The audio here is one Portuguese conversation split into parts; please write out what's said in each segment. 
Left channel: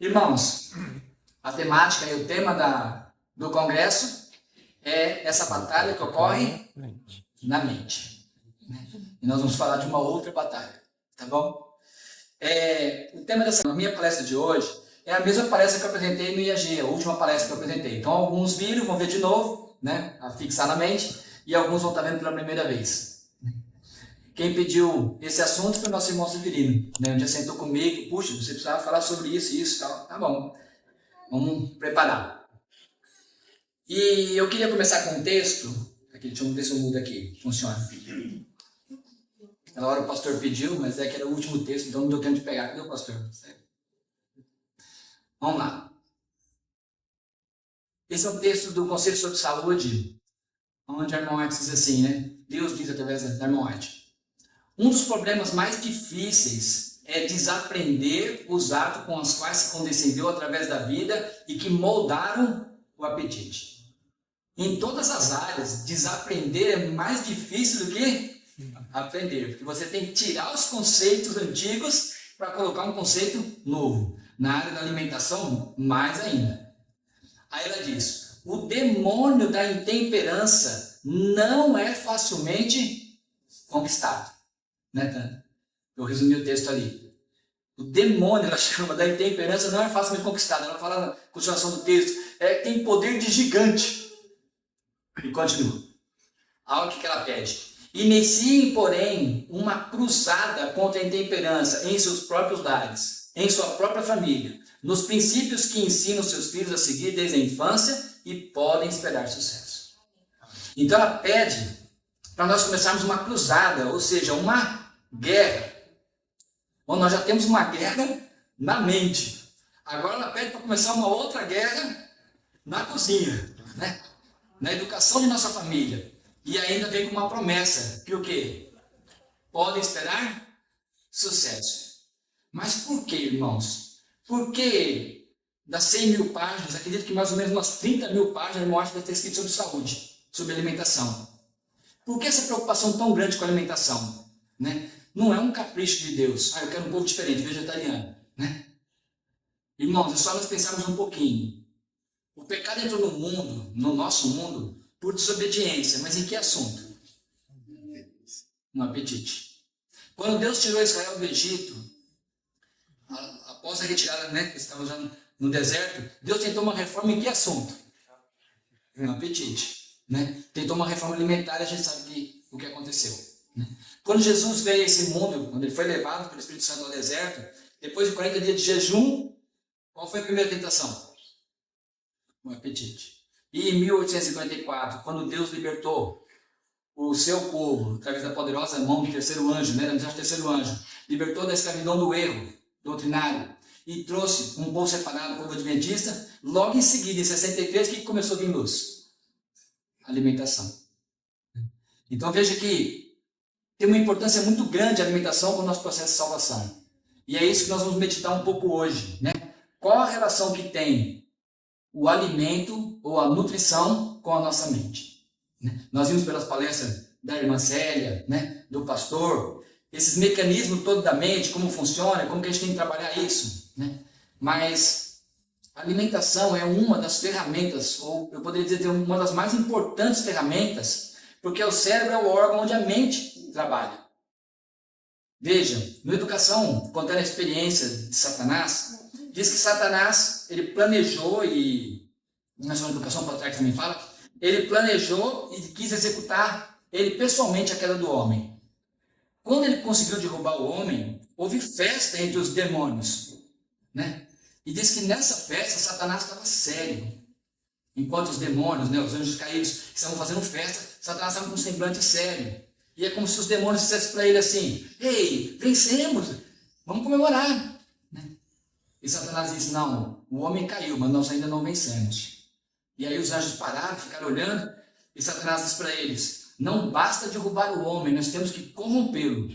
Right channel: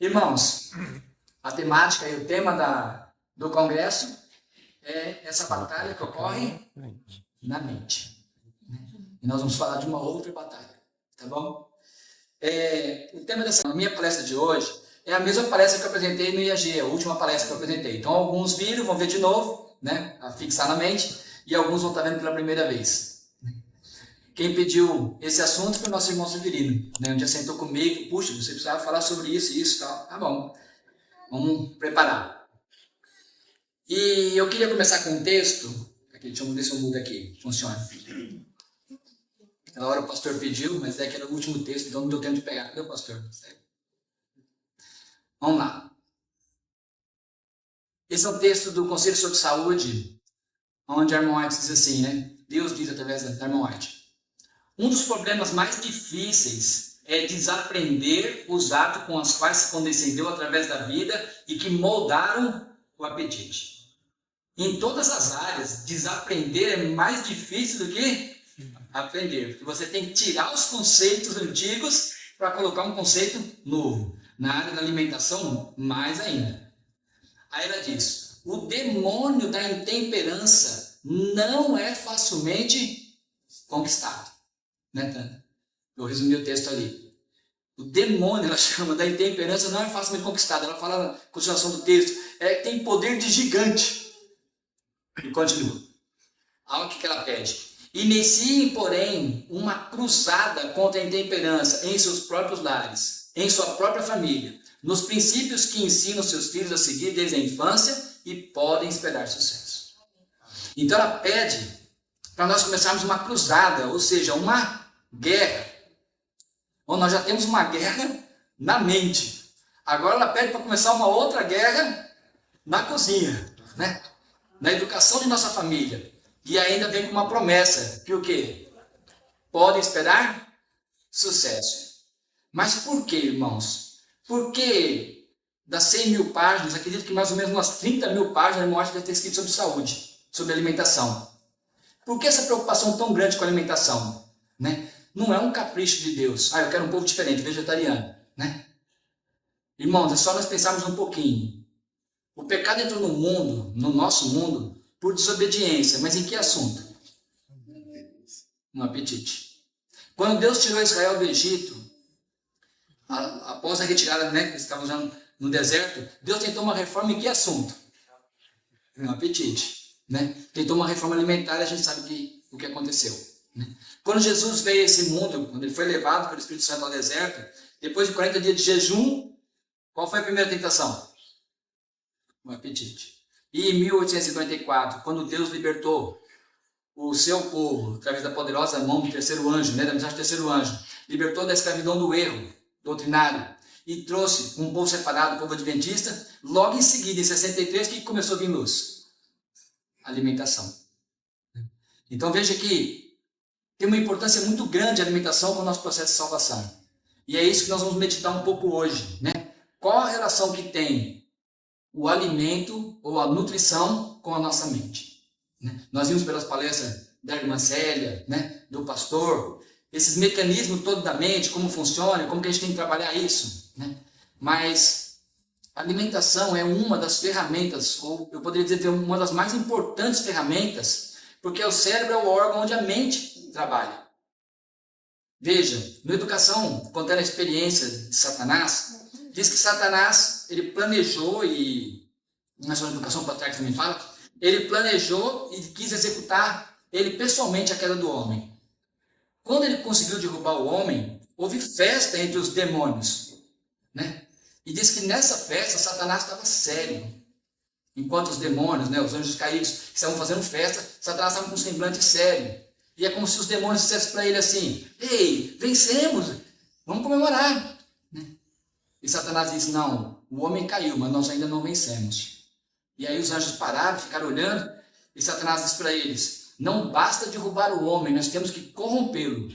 Irmãos, a temática e o tema do congresso é essa batalha que ocorre na mente. E nós vamos falar de uma outra batalha, tá bom? O tema dessa minha palestra de hoje é a mesma palestra que eu apresentei no IAG, a última palestra que eu apresentei. Então, alguns viram, vão ver de novo, né, a fixar na mente, e alguns vão estar vendo pela primeira vez. Quem pediu esse assunto foi o nosso irmão Severino, né? Um dia sentou comigo, puxa, você precisava falar sobre isso e isso e tal. Tá bom, vamos preparar. E eu queria começar com um texto, aqui, deixa eu ver se eu mudo aqui, funciona. Na hora o pastor pediu, mas é que era o último texto, então não deu tempo de pegar. Cadê o pastor? Vamos lá. Esse é um texto do Conselho sobre Saúde, onde a irmã White diz assim, né? Deus diz através da irmã White. Um dos problemas mais difíceis é desaprender os atos com os quais se condescendeu através da vida e que moldaram o apetite. Em todas as áreas, desaprender é mais difícil do que aprender, porque você tem que tirar os conceitos antigos para colocar um conceito novo. Na área da alimentação, mais ainda. Aí ela diz, o demônio da intemperança não é facilmente conquistado. Né, Tânia? Eu resumi o texto ali. O demônio, ela chama, da intemperança não é facilmente conquistado. Ela fala na continuação do texto, tem poder de gigante. E continua. Olha o que ela pede. Iniciem, porém, uma cruzada contra a intemperança em seus próprios lares, em sua própria família, nos princípios que ensinam seus filhos a seguir desde a infância e podem esperar sucesso. Então ela pede para nós começarmos uma cruzada, ou seja, uma guerra. Bom, nós já temos uma guerra na mente. Agora ela pede para começar uma outra guerra na cozinha, né? Na educação de nossa família. E ainda vem com uma promessa, que o quê? Podem esperar sucesso. Mas por quê, irmãos? Porque das 100 mil páginas, acredito que mais ou menos umas 30 mil páginas de morte deve ter escrito sobre saúde, sobre alimentação. Por que essa preocupação tão grande com a alimentação? Né? Não é um capricho de Deus. Eu quero um povo diferente, vegetariano. Né? Irmãos, é só nós pensarmos um pouquinho. O pecado entrou no mundo, no nosso mundo, por desobediência. Mas em que assunto? No apetite. Quando Deus tirou Israel do Egito, após a retirada, né, que eles estavam já no deserto, Deus tentou uma reforma em que assunto? No apetite. Né? Tentou uma reforma alimentar, a gente sabe o que aconteceu. Né? Quando Jesus veio a esse mundo, quando ele foi levado pelo Espírito Santo ao deserto, depois de 40 dias de jejum, qual foi a primeira tentação? O apetite. E em 1854, quando Deus libertou o seu povo, através da poderosa mão do terceiro anjo, né, da mensagem do terceiro anjo, libertou da escravidão do erro doutrinário e trouxe um povo separado, o povo adventista, logo em seguida, em 63, o que começou a vir luz? Alimentação. Então veja que tem uma importância muito grande a alimentação para o nosso processo de salvação. E é isso que nós vamos meditar um pouco hoje. Né? Qual a relação que tem o alimento ou a nutrição com a nossa mente? Né? Nós vimos pelas palestras da irmã Célia, né? Do pastor, esses mecanismos todos da mente, como funciona, como que a gente tem que trabalhar isso. Né? Mas a alimentação é uma das ferramentas, ou eu poderia dizer uma das mais importantes ferramentas, porque o cérebro é o órgão onde a mente trabalha. Veja, na educação, contando a experiência de Satanás, diz que Satanás, ele planejou, e na sua educação para trás também fala, ele planejou e quis executar ele pessoalmente a queda do homem. Quando ele conseguiu derrubar o homem, houve festa entre os demônios, né? E diz que nessa festa Satanás estava sério. Enquanto os demônios, né, os anjos caídos, estavam fazendo festa, Satanás estava com um semblante sério. E é como se os demônios dissessem para ele assim, ei, vencemos, vamos comemorar. Né? E Satanás disse, não, o homem caiu, mas nós ainda não vencemos. E aí os anjos pararam, ficaram olhando, e Satanás disse para eles, não basta derrubar o homem, nós temos que corrompê-lo.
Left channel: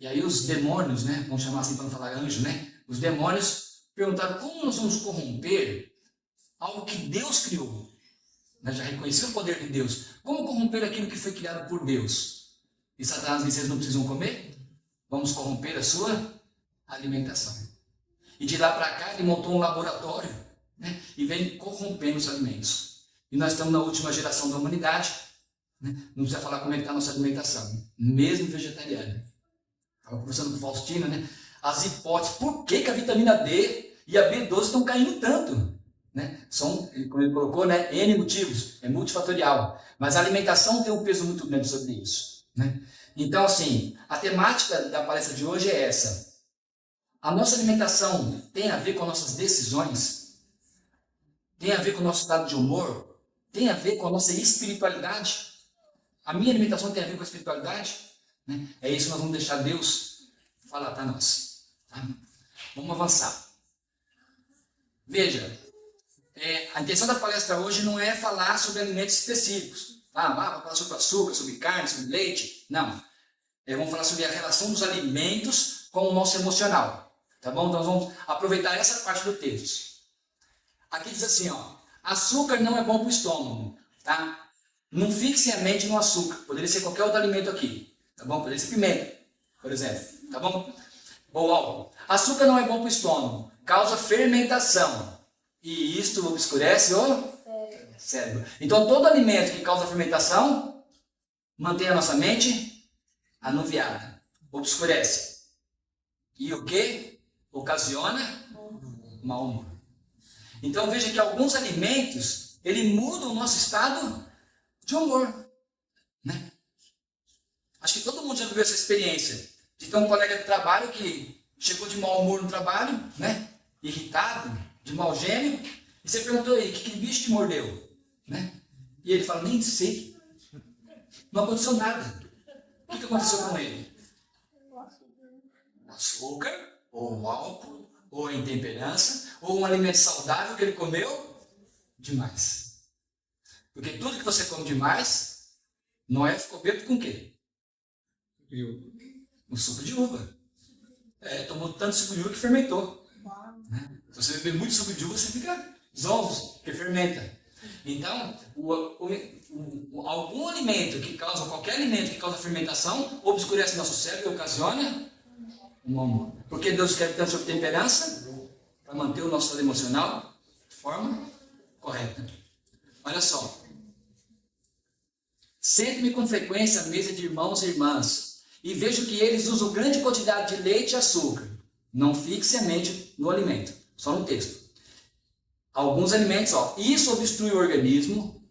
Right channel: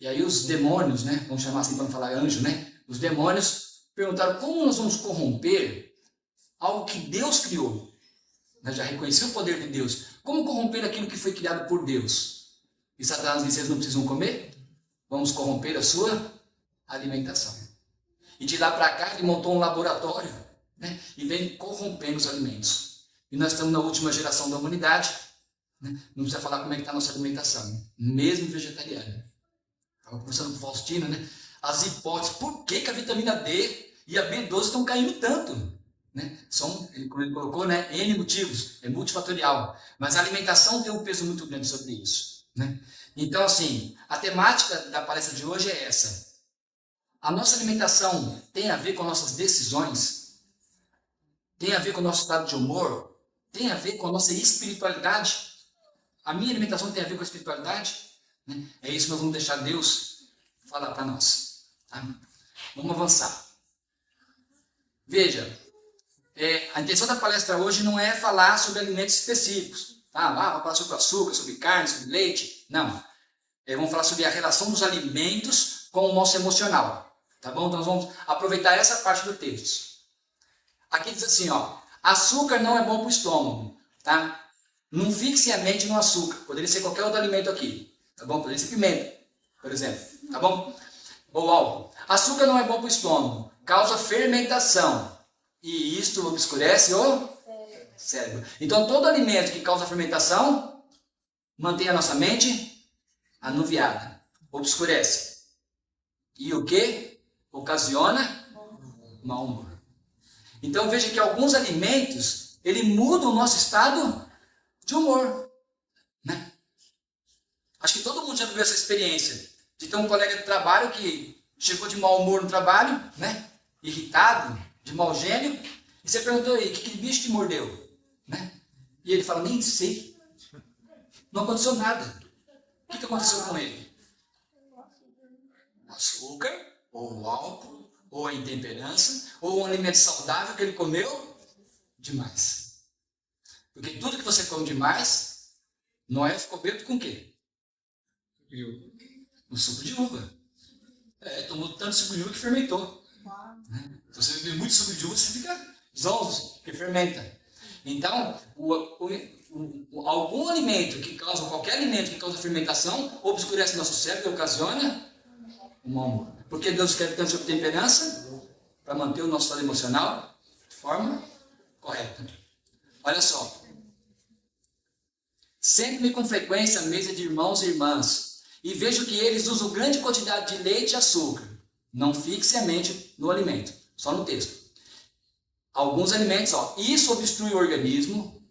E aí os demônios, né, vamos chamar assim para não falar anjo, né? Os demônios perguntaram, como nós vamos corromper algo que Deus criou? Né? Já reconheceu o poder de Deus. Como corromper aquilo que foi criado por Deus? E Satanás disse, vocês não precisam comer? Vamos corromper a sua alimentação. E de lá para cá ele montou um laboratório, né? E vem corrompendo os alimentos. E nós estamos na última geração da humanidade, né? Não precisa falar como é que está a nossa alimentação, mesmo vegetariana. Estava conversando com o Faustino, né? As hipóteses, por que a vitamina D e a B12 estão caindo tanto? Né? São, como ele colocou, né? N motivos, é multifatorial. Mas a alimentação tem um peso muito grande sobre isso, né? Então, assim, a temática da palestra de hoje é essa. A nossa alimentação tem a ver com nossas decisões? Tem a ver com o nosso estado de humor? Tem a ver com a nossa espiritualidade? A minha alimentação tem a ver com a espiritualidade? Né? É isso que nós vamos deixar Deus falar para nós. Tá? Vamos avançar. Veja, a intenção da palestra hoje não é falar sobre alimentos específicos. Vamos falar sobre açúcar, sobre carne, sobre leite. Não. Vamos falar sobre a relação dos alimentos com o nosso emocional. Tá bom? Então nós vamos aproveitar essa parte do texto. Aqui diz assim, ó. Açúcar não é bom para o estômago. Tá? Não fixe a mente no açúcar. Poderia ser qualquer outro alimento aqui. Tá bom? Poderia ser pimenta, por exemplo. Tá bom? Ou álcool. Açúcar não é bom para o estômago. Causa fermentação. E isto obscurece o cérebro. Então, todo alimento que causa fermentação mantém a nossa mente anuviada. Obscurece. E o que? Ocasiona mau humor. Então, veja que alguns alimentos, ele muda o nosso estado de humor. Né? Acho que todo mundo já viveu essa experiência. De ter um colega de trabalho que chegou de mau humor no trabalho, né? Irritado, de mau gênio, e você perguntou aí, que bicho te mordeu? Né? E ele fala, nem sei. Não aconteceu nada. O que aconteceu com ele? Açúcar, ou álcool, ou a intemperança, ou um alimento saudável que ele comeu demais. Porque tudo que você come demais, Noé ficou bêbado com o quê? Com suco de uva. Tomou tanto suco de uva que fermentou. Né? Se você beber muito suco de uva, você fica zonzo, porque fermenta. Então, algum alimento que causa, qualquer alimento que causa fermentação, obscurece nosso cérebro e ocasiona um mau humor. Porque Deus quer tanto sobre temperança, para manter o nosso estado emocional de forma correta. Olha só. Sento-me com frequência à mesa de irmãos e irmãs, e vejo que eles usam grande quantidade de leite e açúcar. Não fixe a mente no alimento, só no texto. Alguns alimentos, isso obstrui o organismo.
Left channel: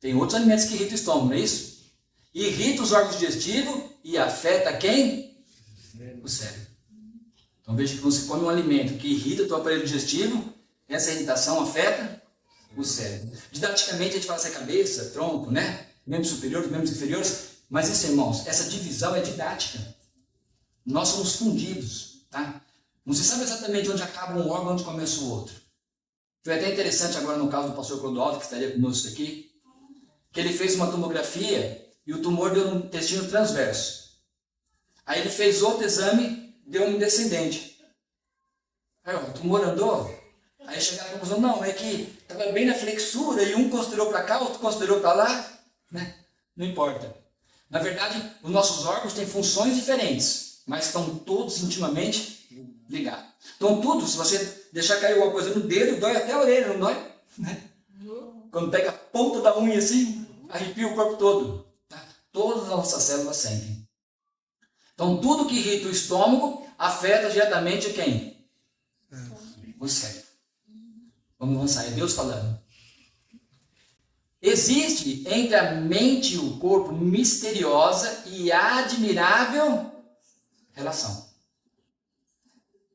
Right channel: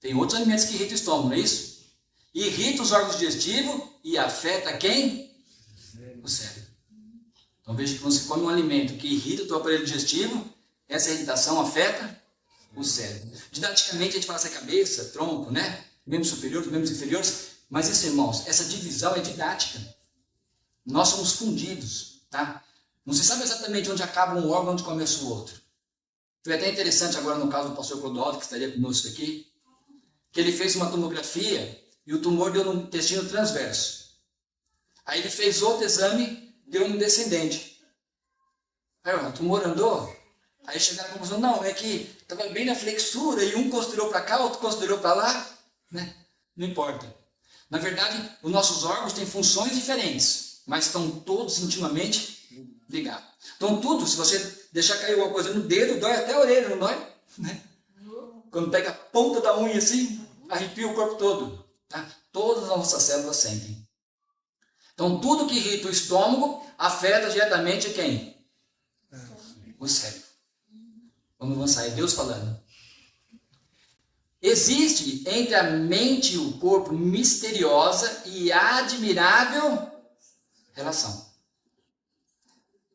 Tem outros alimentos que irritam o estômago, não é isso? Irrita os órgãos digestivos e afeta quem? O cérebro. Então veja que quando você come um alimento que irrita o teu aparelho digestivo, essa irritação afeta o cérebro. Didaticamente a gente fala essa cabeça, tronco, né? Membros superiores, membros inferiores. Mas isso, irmãos, essa divisão é didática. Nós somos fundidos, tá? Não se sabe exatamente onde acaba um órgão e onde começa o outro. Foi até interessante agora no caso do pastor Clodoaldo, que estaria conosco aqui, que ele fez uma tomografia e o tumor deu no intestino transverso. Aí ele fez outro exame, deu um descendente. Aí o tumor andou. Aí chegaram à conclusão, não, é que estava bem na flexura e um considerou para cá, outro considerou para lá. Né? Não importa. Na verdade, os nossos órgãos têm funções diferentes, mas estão todos intimamente ligados. Então tudo, se você deixar cair alguma coisa no dedo, dói até a orelha, não dói? Né? Quando pega a ponta da unha assim, arrepia o corpo todo. Tá? Todas as nossas células sentem. Então tudo que irrita o estômago afeta diretamente quem? O cérebro. Vamos avançar, é Deus falando. Existe entre a mente e o corpo misteriosa e admirável relação.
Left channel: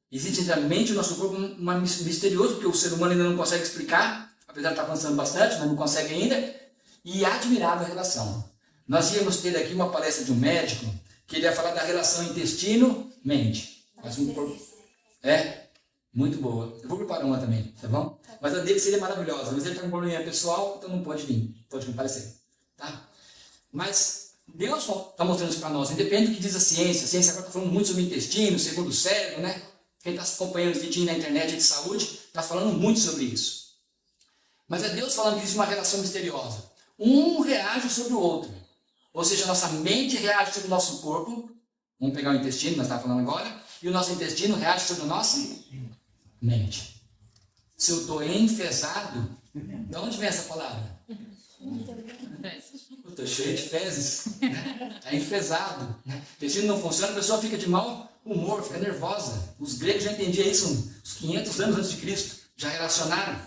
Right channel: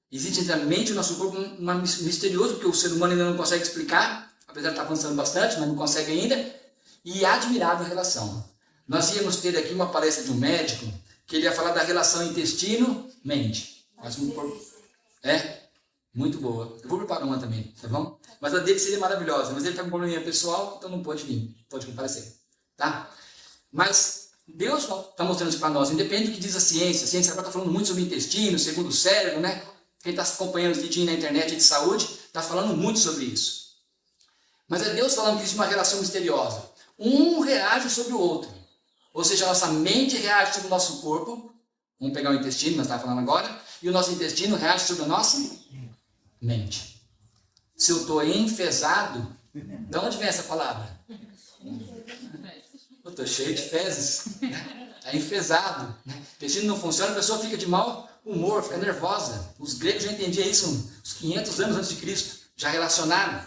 Existe entre a mente e o nosso corpo uma misterioso, porque o ser humano ainda não consegue explicar, apesar de estar avançando bastante, mas não consegue ainda, e admirável relação. Nós íamos ter aqui uma palestra de um médico, que ele ia falar da relação intestino-mente. Muito boa. Eu vou preparar uma também, tá bom? Mas a dele seria maravilhosa, mas ele está com um probleminha pessoal, então não pode vir, pode comparecer, tá? Mas Deus está mostrando isso para nós, independente do que diz a ciência agora está falando muito sobre o intestino, segundo o cérebro, né? Quem está acompanhando os vídeos na internet de saúde, está falando muito sobre isso. Mas é Deus falando que existe uma relação misteriosa. Um reage sobre o outro. Ou seja, a nossa mente reage sobre o nosso corpo. Vamos pegar o intestino, nós estamos falando agora. E o nosso intestino reage sobre o nosso mente. Se eu estou enfesado, de onde vem essa palavra? Eu estou cheio de fezes, está enfesado. O intestino não funciona, a pessoa fica de mau humor, fica nervosa. Os gregos já entendiam isso uns 500 anos antes de Cristo, já relacionaram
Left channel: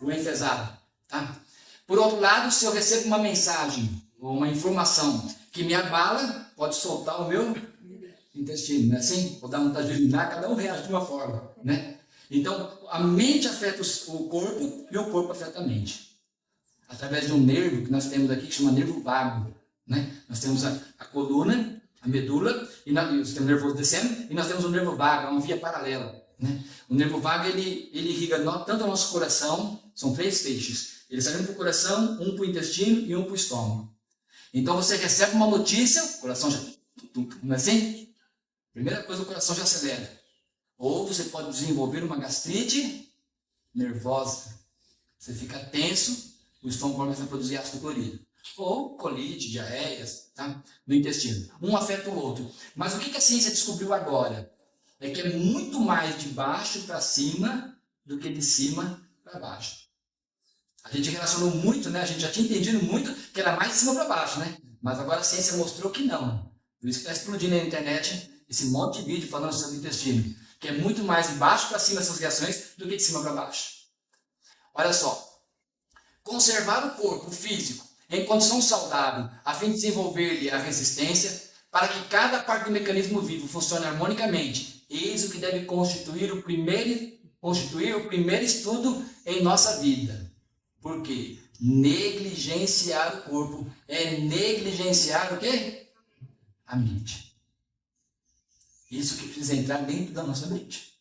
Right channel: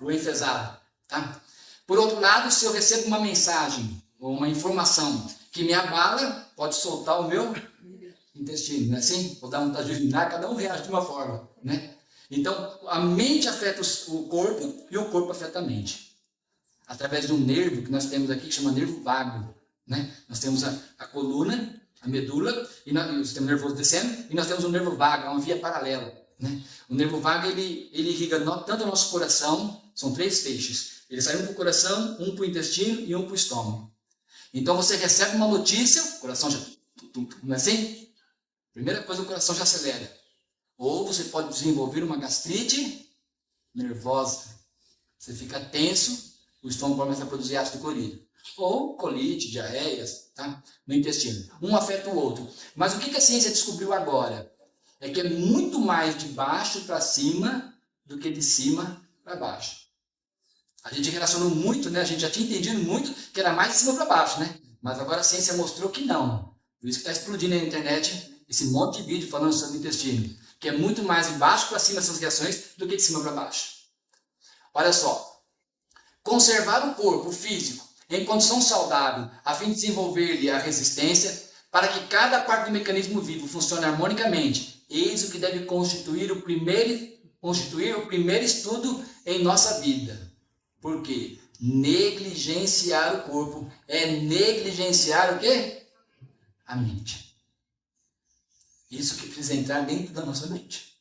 o enfesado. Tá? Por outro lado, se eu recebo uma mensagem ou uma informação que me abala, pode soltar o meu intestino, não é assim? Vou dar vontade de urinar, cada um reage de uma forma, né? Então, a mente afeta o corpo e o corpo afeta a mente. Através de um nervo que nós temos aqui, que chama nervo vago, né? Nós temos a coluna, a medula, e o sistema nervoso descendo, e nós temos um nervo vago, uma via paralela, né? O nervo vago, ele irriga tanto o nosso coração, são 3 feixes. Ele sai um para o coração, um para o intestino e um para o estômago. Então, você recebe uma notícia, o coração já... Não é assim? Primeira coisa, o coração já acelera. Ou você pode desenvolver uma gastrite nervosa. Você fica tenso, o estômago começa a produzir ácido clorídrico. Ou colite, diarreias, tá? No intestino. Um afeta o outro. Mas o que a ciência descobriu agora? É que é muito mais de baixo para cima do que de cima para baixo. A gente relacionou muito, né? A gente já tinha entendido muito que era mais de cima para baixo, né? Mas agora a ciência mostrou que não. Por isso que está explodindo na internet esse monte de vídeo falando sobre o intestino. Que é muito mais de baixo para cima essas reações do que de cima para baixo. Olha só. Conservar o corpo físico em condição saudável, a fim de desenvolver-lhe a resistência, para que cada parte do mecanismo vivo funcione harmonicamente. Eis o que deve constituir o primeiro estudo em nossa vida. Por quê? Negligenciar o corpo é negligenciar o quê? A mente. Isso que precisa entrar dentro da nossa mente.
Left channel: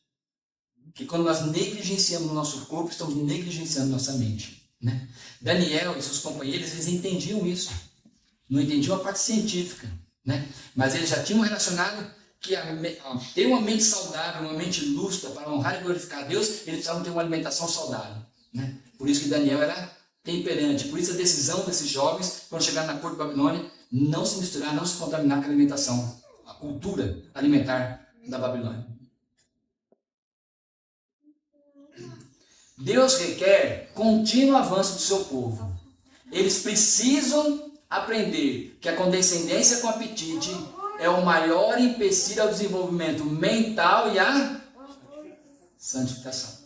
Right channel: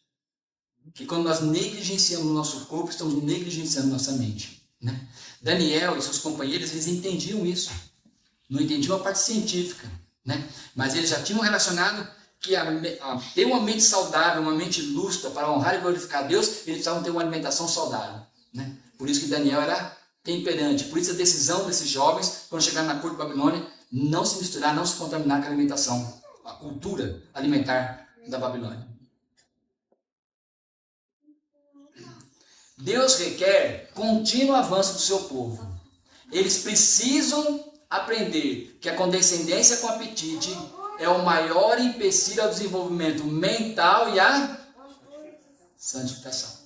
Que quando nós negligenciamos o nosso corpo, estamos negligenciando nossa mente. Né? Daniel e seus companheiros, eles entendiam isso. Não entendiam a parte científica. Né? Mas eles já tinham relacionado que ter uma mente saudável, uma mente lúcida para honrar e glorificar a Deus, eles precisavam ter uma alimentação saudável. Né? Por isso que Daniel era temperante. Por isso a decisão desses jovens, quando chegarem na corte de Babilônia, não se misturar, não se contaminar com a alimentação, a cultura alimentar da Babilônia. Deus requer contínuo avanço do seu povo. Eles precisam aprender que a condescendência com apetite é o maior empecilho ao desenvolvimento mental e à santificação.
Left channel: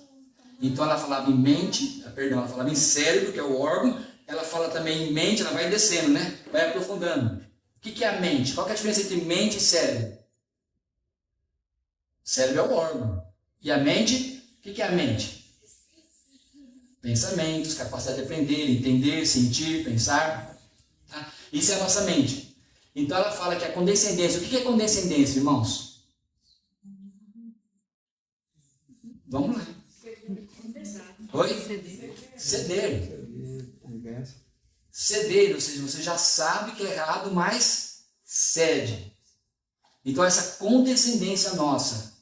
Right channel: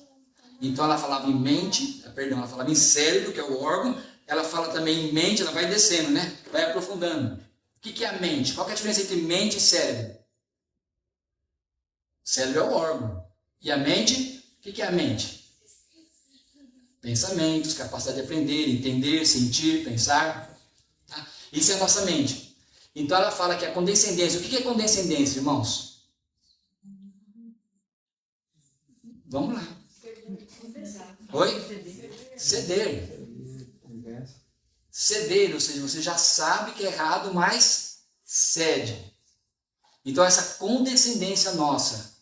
Então ela falava em mente, ela falava em cérebro, que é o órgão, ela fala também em mente, ela vai descendo, né? Vai aprofundando. O que é a mente? Qual é a diferença entre mente e cérebro? Cérebro é o órgão. E a mente? O que é a mente? Pensamentos, capacidade de aprender, entender, sentir, pensar. Tá? Isso é a nossa mente. Então ela fala que a condescendência. O que é condescendência, irmãos? Vamos lá. Oi? Ceder. Ceder, ou seja, você já sabe que é errado, mas cede. Então essa condescendência nossa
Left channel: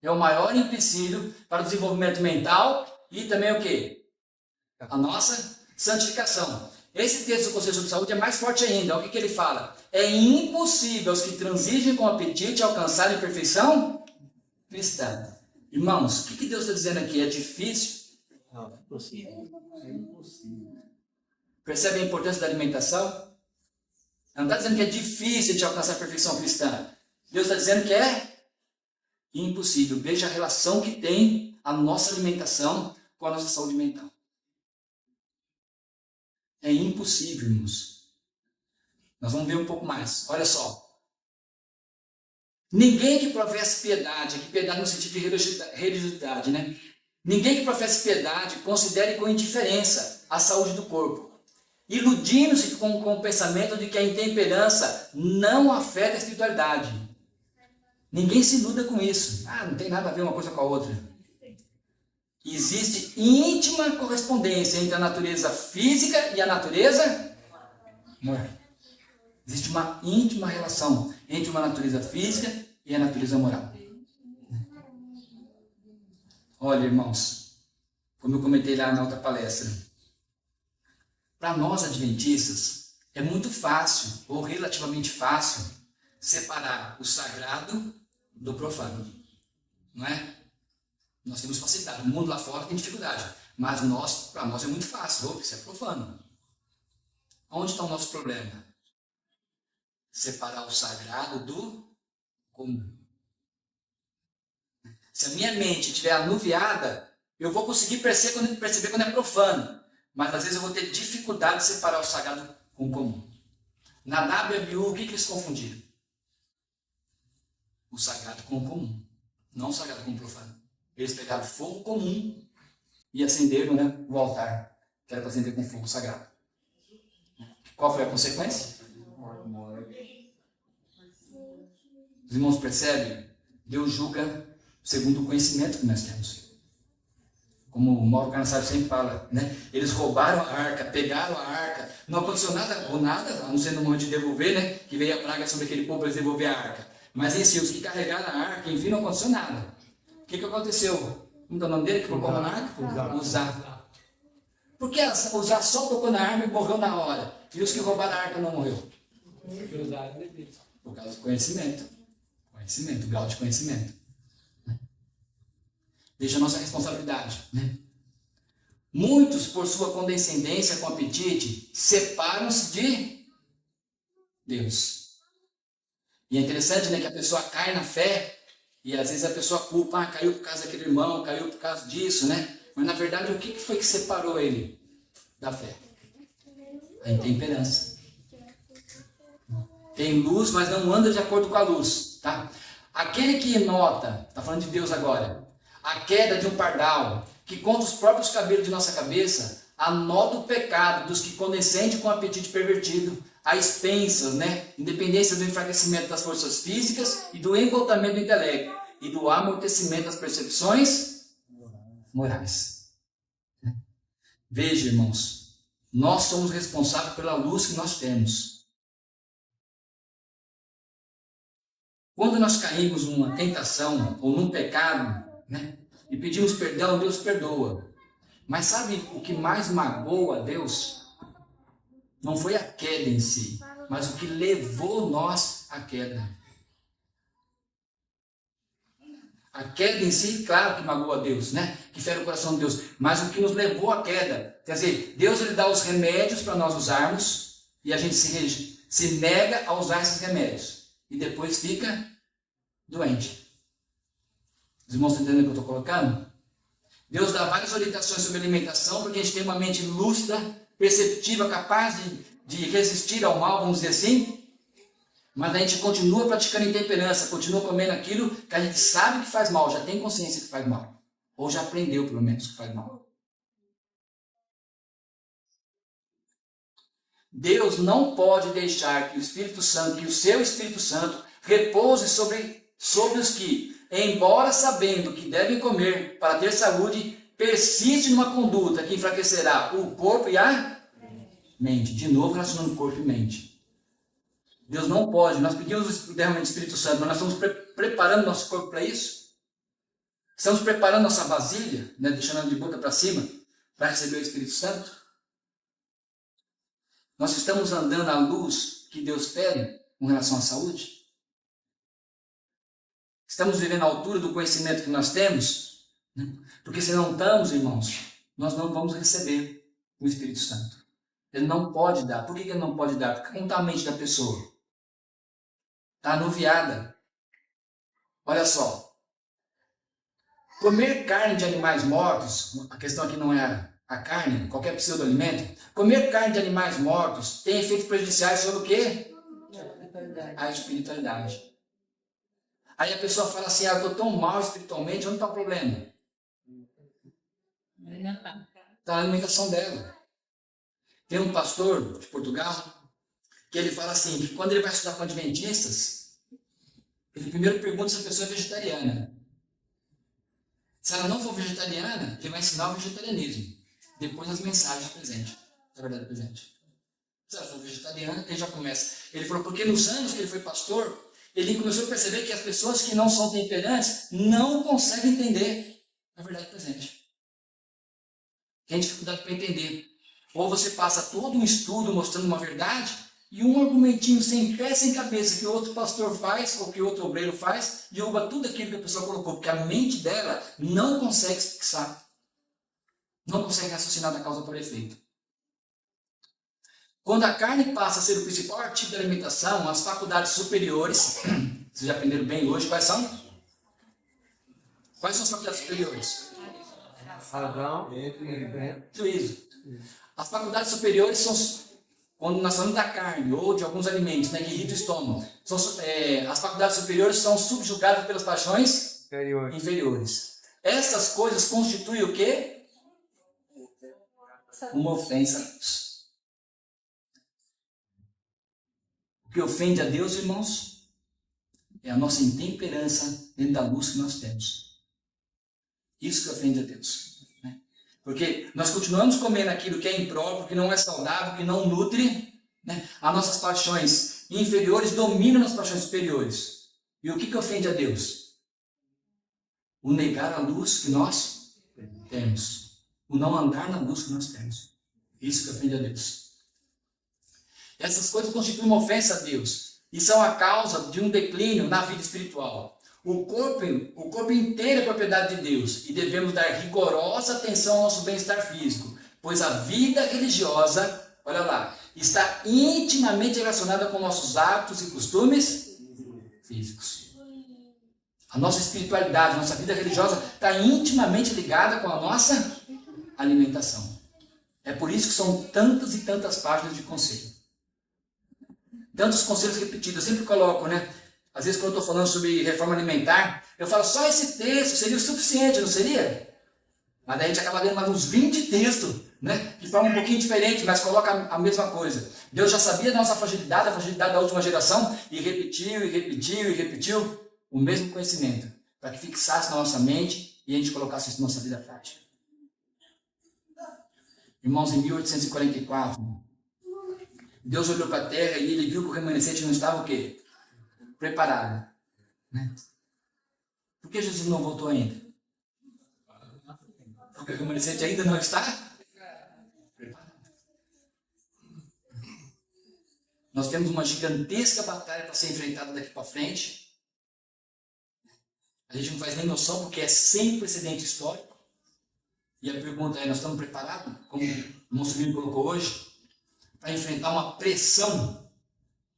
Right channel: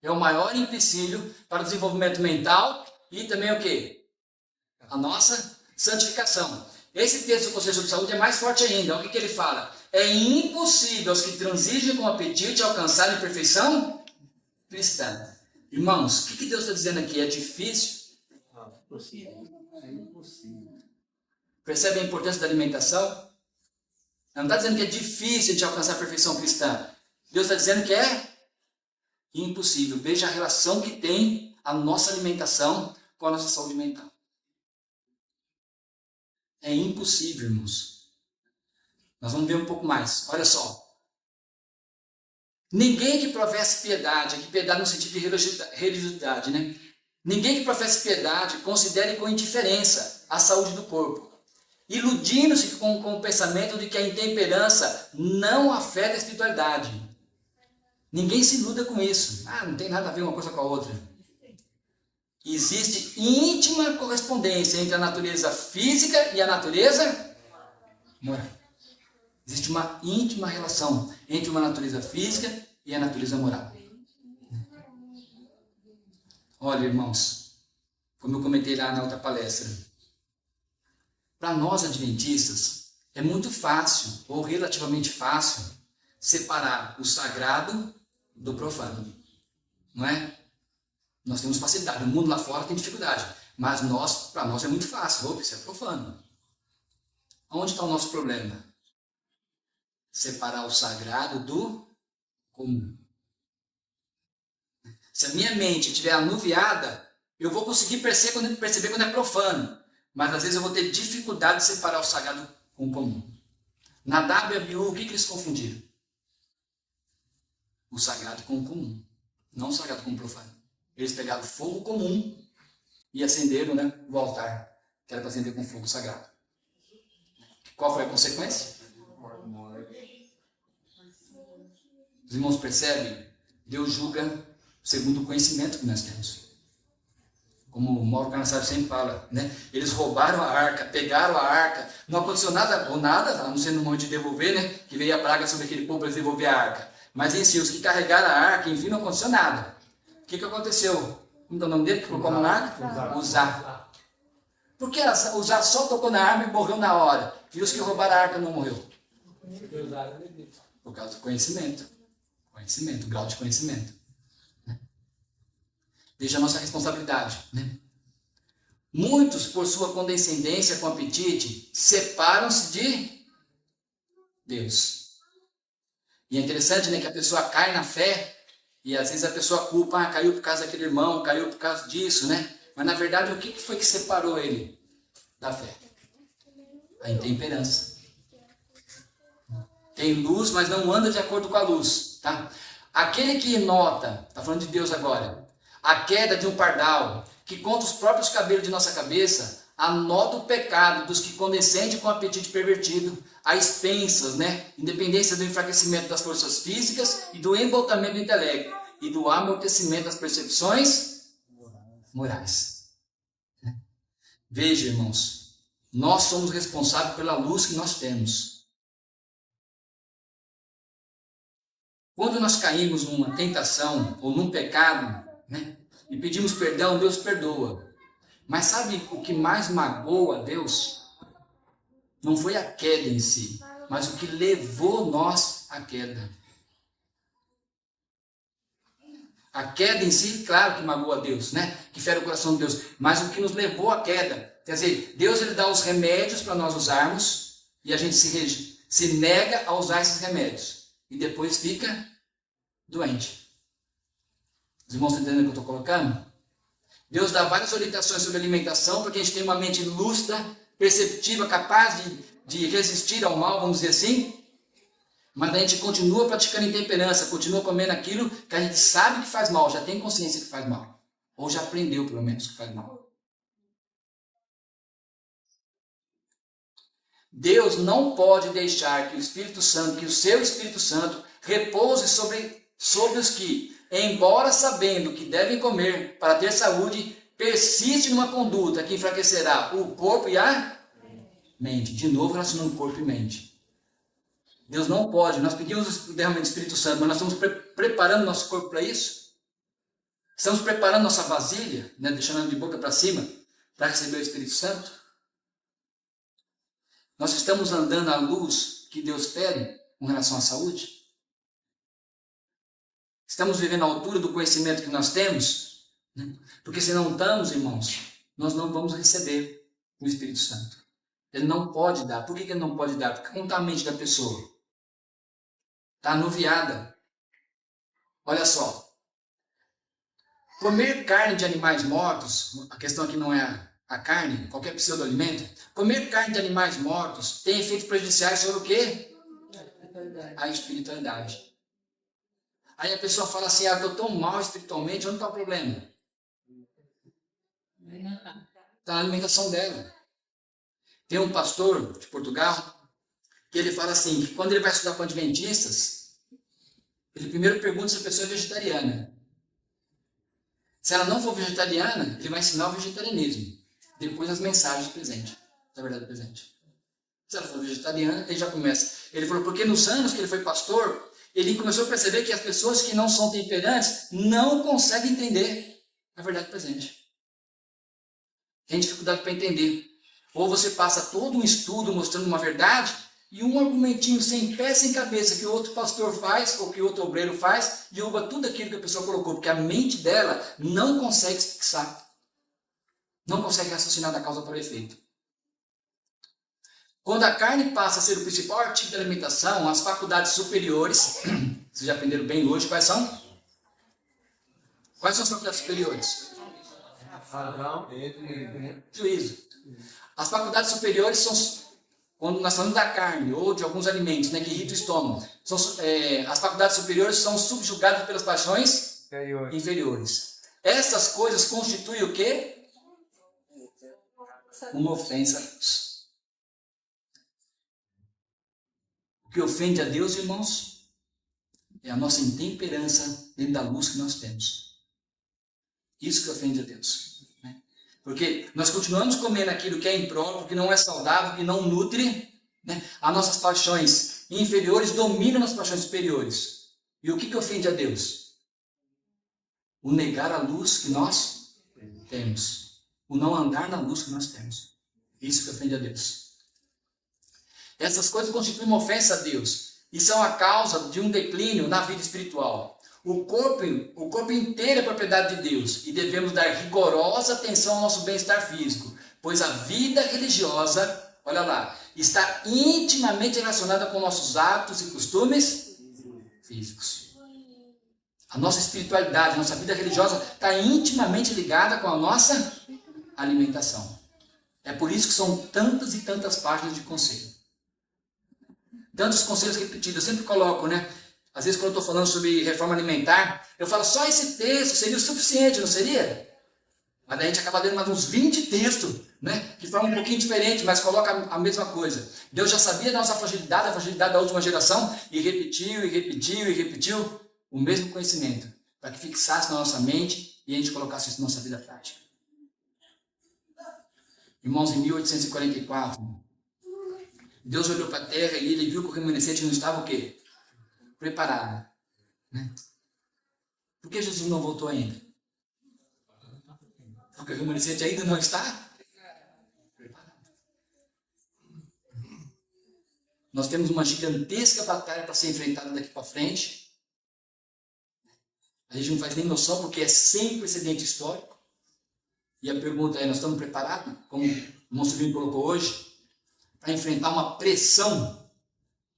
é o maior empecilho para o desenvolvimento mental e também o quê? A nossa santificação. Esse texto do Conselho sobre Saúde é mais forte ainda. O que ele fala? É impossível aos que transigem com apetite alcançarem a perfeição cristã. Irmãos, o que Deus está dizendo aqui? É difícil? É impossível. Percebe a importância da alimentação? Não está dizendo que é difícil de alcançar a perfeição cristã. Deus está dizendo que é impossível. Veja a relação que tem a nossa alimentação com a nossa saúde mental. É impossível, irmãos. Nós vamos ver um pouco mais. Olha só. Ninguém que professe piedade, aqui piedade no sentido de religiosidade, né? Ninguém que professe piedade considere com indiferença a saúde do corpo, iludindo-se com o pensamento de que a intemperança não afeta a espiritualidade. Ninguém se iluda com isso. Não tem nada a ver uma coisa com a outra. Existe íntima correspondência entre a natureza física e a natureza moral. Existe uma íntima relação entre uma natureza física e a natureza moral. Olha, irmãos, como eu comentei lá na outra palestra, para nós adventistas é muito fácil, ou relativamente fácil, separar o sagrado do profano. Não é? Nós temos facilidade. O mundo lá fora tem dificuldade. Mas para nós é muito fácil. Opa, isso é profano. Onde está o nosso problema? Separar o sagrado do comum. Se a minha mente estiver anuviada, eu vou conseguir perceber quando é profano. Mas às vezes eu vou ter dificuldade de separar o sagrado com o comum. Nadab e Abiú, o que eles confundiram? O sagrado com o comum. Não o sagrado com o profano. Eles pegaram fogo comum e acenderam, né, o altar, que era para acender com fogo sagrado. Qual foi a consequência? Os irmãos percebem? Deus julga segundo o conhecimento que nós temos. Como o Mauro Carnassaro sempre fala, né? Eles roubaram a arca, pegaram a arca, não aconteceu nada, ou nada, a não ser no momento de devolver, né? Que veio a praga sobre aquele povo para devolver a arca. Mas em si, os que carregaram a arca, enfim, não aconteceu nada. O que aconteceu? Como é o nome dele que colocou na arca? Uzá. Por que Uzá só tocou na arma e morreu na hora? E os que roubaram a arca não morreu? Por causa do conhecimento. Conhecimento, grau de conhecimento. Veja a nossa responsabilidade. Né? Muitos, por sua condescendência com apetite, separam-se de Deus. E é interessante, né, que a pessoa cai na fé e às vezes a pessoa culpa, caiu por causa daquele irmão, caiu por causa disso, né? Mas na verdade o que foi que separou ele da fé? A intemperança. Tem luz, mas não anda de acordo com a luz. Tá? Aquele que nota, está falando de Deus agora, a queda de um pardal, que conta os próprios cabelos de nossa cabeça, anota o pecado dos que condescendem com o apetite pervertido, a expensas, né? Independência do enfraquecimento das forças físicas e do embotamento do intelecto e do amortecimento das percepções morais. Veja, irmãos, nós somos responsáveis pela luz que nós temos. Quando nós caímos numa tentação ou num pecado, né, e pedimos perdão, Deus perdoa. Mas sabe o que mais magoa a Deus? Não foi a queda em si, mas o que levou nós à queda. A queda em si, claro que magoa a Deus, né? Que fere o coração de Deus. Mas o que nos levou à queda? Quer dizer, Deus ele dá os remédios para nós usarmos e a gente se nega a usar esses remédios. E depois fica doente. Os irmãos estão entendendo o que eu estou colocando? Deus dá várias orientações sobre alimentação para que a gente tenha uma mente lúcida, perceptiva, capaz de resistir ao mal, vamos dizer assim. Mas a gente continua praticando intemperança, continua comendo aquilo que a gente sabe que faz mal, já tem consciência que faz mal. Ou já aprendeu, pelo menos, que faz mal. Deus não pode deixar que o Espírito Santo, que o seu Espírito Santo, repouse sobre os que, embora sabendo que devem comer para ter saúde, persiste numa conduta que enfraquecerá o corpo e a mente. De novo, relacionando corpo e mente. Deus não pode, nós pedimos o derramamento do Espírito Santo, mas nós estamos preparando nosso corpo para isso? Estamos preparando nossa vasilha, né, deixando ela de boca para cima, para receber o Espírito Santo? Nós estamos andando à luz que Deus pede com relação à saúde? Estamos vivendo à altura do conhecimento que nós temos? Porque se não estamos, irmãos, nós não vamos receber o Espírito Santo. Ele não pode dar. Por que ele não pode dar? Porque não está a mente da pessoa. Está anuviada. Olha só. Comer carne de animais mortos, a questão aqui não é a carne, qualquer pseudo-alimento. Comer carne de animais mortos tem efeitos prejudiciais sobre o quê? A espiritualidade. Aí a pessoa fala assim, eu estou tão mal espiritualmente, onde está o problema? Está na alimentação dela. Tem um pastor de Portugal que ele fala assim, que quando ele vai estudar com adventistas, ele primeiro pergunta se a pessoa é vegetariana. Se ela não for vegetariana, ele vai ensinar o vegetarianismo. Depois as mensagens presentes, da verdade presente. Se ela for vegetariana, ele já começa. Ele falou, porque nos anos que ele foi pastor, ele começou a perceber que as pessoas que não são temperantes não conseguem entender a verdade presente. Tem dificuldade para entender. Ou você passa todo um estudo mostrando uma verdade, E um argumentinho sem pé, sem cabeça, que o outro pastor faz, ou que o outro obreiro faz, derruba tudo aquilo que a pessoa colocou, porque a mente dela não consegue se fixar. Não consegue raciocinar da causa por efeito. Quando a carne passa a ser o principal artigo da alimentação, as faculdades superiores, vocês já aprenderam bem hoje, quais são? Quais são as faculdades superiores? Razão, Juízo. As faculdades superiores são, quando nós falamos da carne ou de alguns alimentos, né, que irritam o estômago, as faculdades superiores são subjugadas pelas paixões inferiores. Essas coisas constituem o quê? Uma ofensa a Deus. O que ofende a Deus, irmãos, é a nossa intemperança dentro da luz que nós temos. Isso que ofende a Deus. Né? Porque nós continuamos comendo aquilo que é impróprio, que não é saudável, que não nutre. Né? As nossas paixões inferiores dominam as paixões superiores. E o que ofende a Deus? O negar a luz que nós temos. O não andar na luz que nós temos. Isso que ofende a Deus. Essas coisas constituem uma ofensa a Deus e são a causa de um declínio na vida espiritual. O corpo inteiro é propriedade de Deus e devemos dar rigorosa atenção ao nosso bem-estar físico, pois a vida religiosa, olha lá, está intimamente relacionada com nossos hábitos e costumes físicos. A nossa espiritualidade, a nossa vida religiosa está intimamente ligada com a nossa alimentação. É por isso que são tantas e tantas páginas de conselho. Tantos conselhos repetidos, eu sempre coloco, né? Às vezes quando eu estou falando sobre reforma alimentar, eu falo só esse texto seria o suficiente, não seria? Mas daí a gente acaba lendo mais uns 20 textos, né? Que falam um pouquinho diferente, mas coloca a mesma coisa. Deus já sabia da nossa fragilidade, a fragilidade da última geração, e repetiu o mesmo conhecimento, para que fixasse na nossa mente e a gente colocasse isso na nossa vida prática. Irmãos, em 1844, Deus olhou para a terra e ele viu que o remanescente não estava o quê? Preparado. Né? Por que Jesus não voltou ainda? Porque o remanescente ainda não está preparado. Nós temos uma gigantesca batalha para ser enfrentada daqui para frente. A gente não faz nem noção porque é sem precedente histórico. E a pergunta é, nós estamos preparados? Como o irmão Silvio colocou hoje? Para enfrentar uma pressão.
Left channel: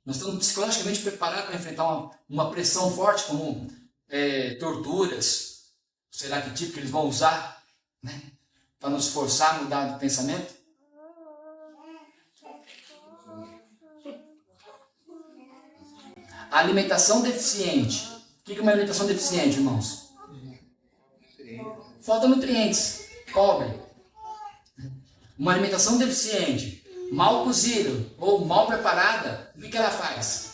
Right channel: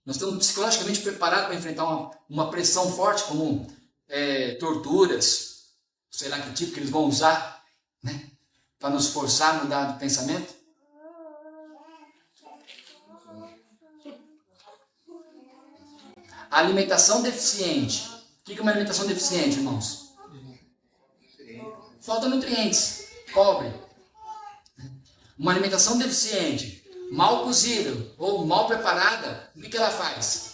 Nós estamos psicologicamente preparados para enfrentar uma pressão forte, como torturas, sei lá que tipo que eles vão usar, né, para nos forçar a mudar de pensamento. A alimentação deficiente. O que é uma alimentação deficiente, irmãos? Falta nutrientes, pobre. Uma alimentação deficiente, mal cozida ou mal preparada, o que ela faz?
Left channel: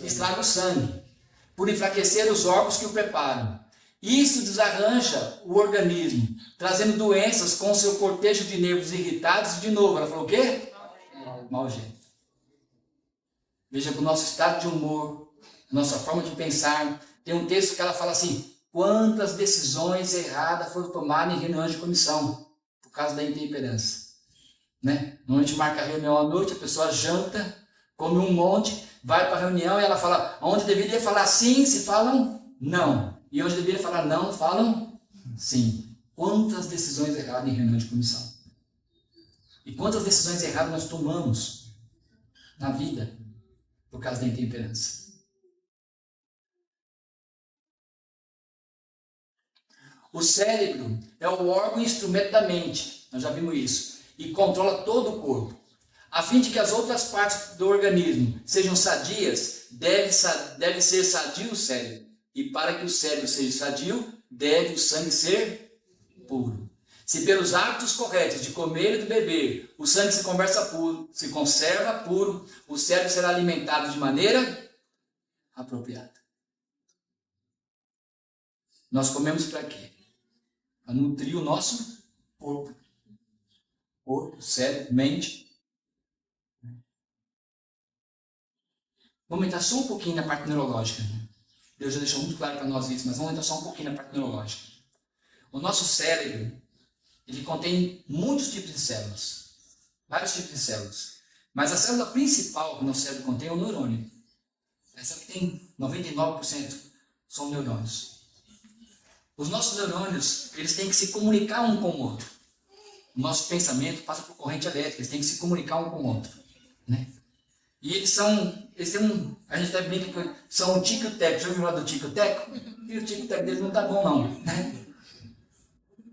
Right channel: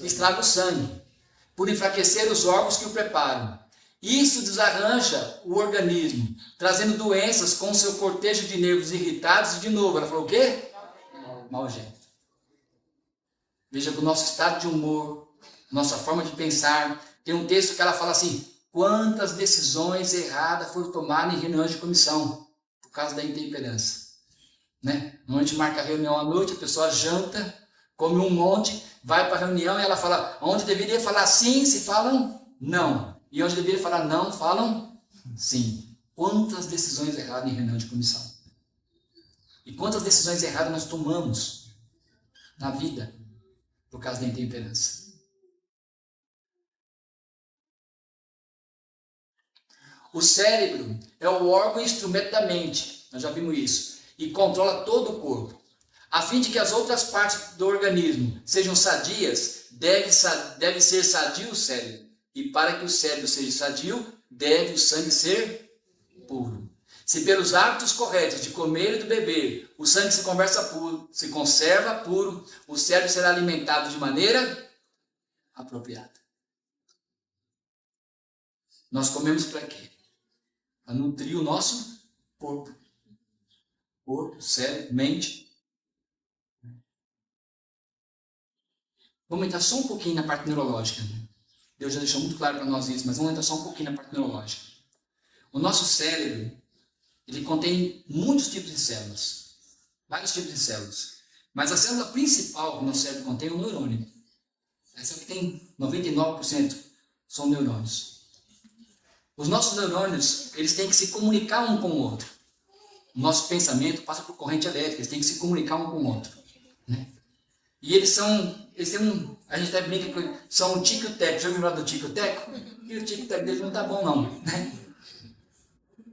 Estraga o sangue, por enfraquecer os órgãos que o preparam. Isso desarranja o organismo, trazendo doenças com seu cortejo de nervos irritados e de novo. Ela falou o quê? Mau jeito. Veja que o nosso estado de humor, nossa forma de pensar, tem um texto que ela fala assim, quantas decisões erradas foram tomadas em reuniões de comissão, por causa da intemperança. Né? Normalmente marca a reunião à noite, a pessoa janta, come um monte, vai para a reunião e ela fala, onde deveria falar sim, se falam não. E onde deveria falar não, falam sim. Quantas decisões erradas em reunião de comissão. E quantas decisões erradas nós tomamos na vida por causa da intemperança. O cérebro é o órgão e instrumento da mente, nós já vimos isso, e controla todo o corpo. A fim de que as outras partes do organismo sejam sadias, deve ser sadio o cérebro. E para que o cérebro seja sadio, deve o sangue ser puro. Se pelos hábitos corretos de comer e de beber, o sangue se conserva puro, o cérebro será alimentado de maneira apropriada. Nós comemos para quê? Para nutrir o nosso corpo. Corpo, cérebro, mente. Vamos entrar só um pouquinho na parte neurológica. Deus já deixou muito claro para nós isso, mas vamos entrar só um pouquinho na parte neurológica. O nosso cérebro, ele contém muitos tipos de células. Vários tipos de células. Mas a célula principal que o nosso cérebro contém é o neurônio. Essa que tem 99% são neurônios. Os nossos neurônios, eles têm que se comunicar um com o outro. O nosso pensamento passa por corrente elétrica, eles têm que se comunicar um com o outro, né? E eles têm a gente até brinca que são um tico-teco. Já ouviu falar do tico-teco? E o tico-teco deles não tá bom não, né?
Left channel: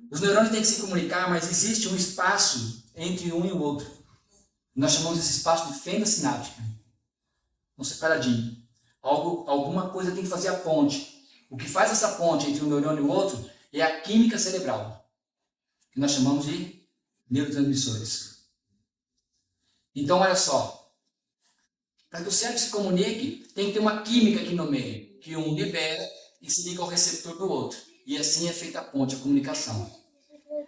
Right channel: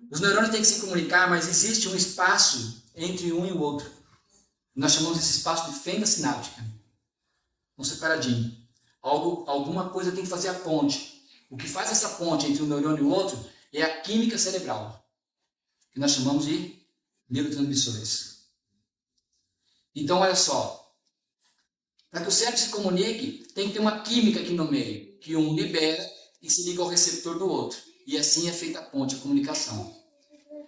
Os neurônios têm que se comunicar, mas existe um espaço entre um e o outro. Nós chamamos esse espaço de fenda sináptica. Um separadinho. Alguma coisa tem que fazer a ponte. O que faz essa ponte entre um neurônio e o outro é a química cerebral, que nós chamamos de neurotransmissores. Então, olha só. Para que o cérebro se comunique, tem que ter uma química aqui no meio, que um libera e se liga ao receptor do outro. E assim é feita a ponte, a comunicação.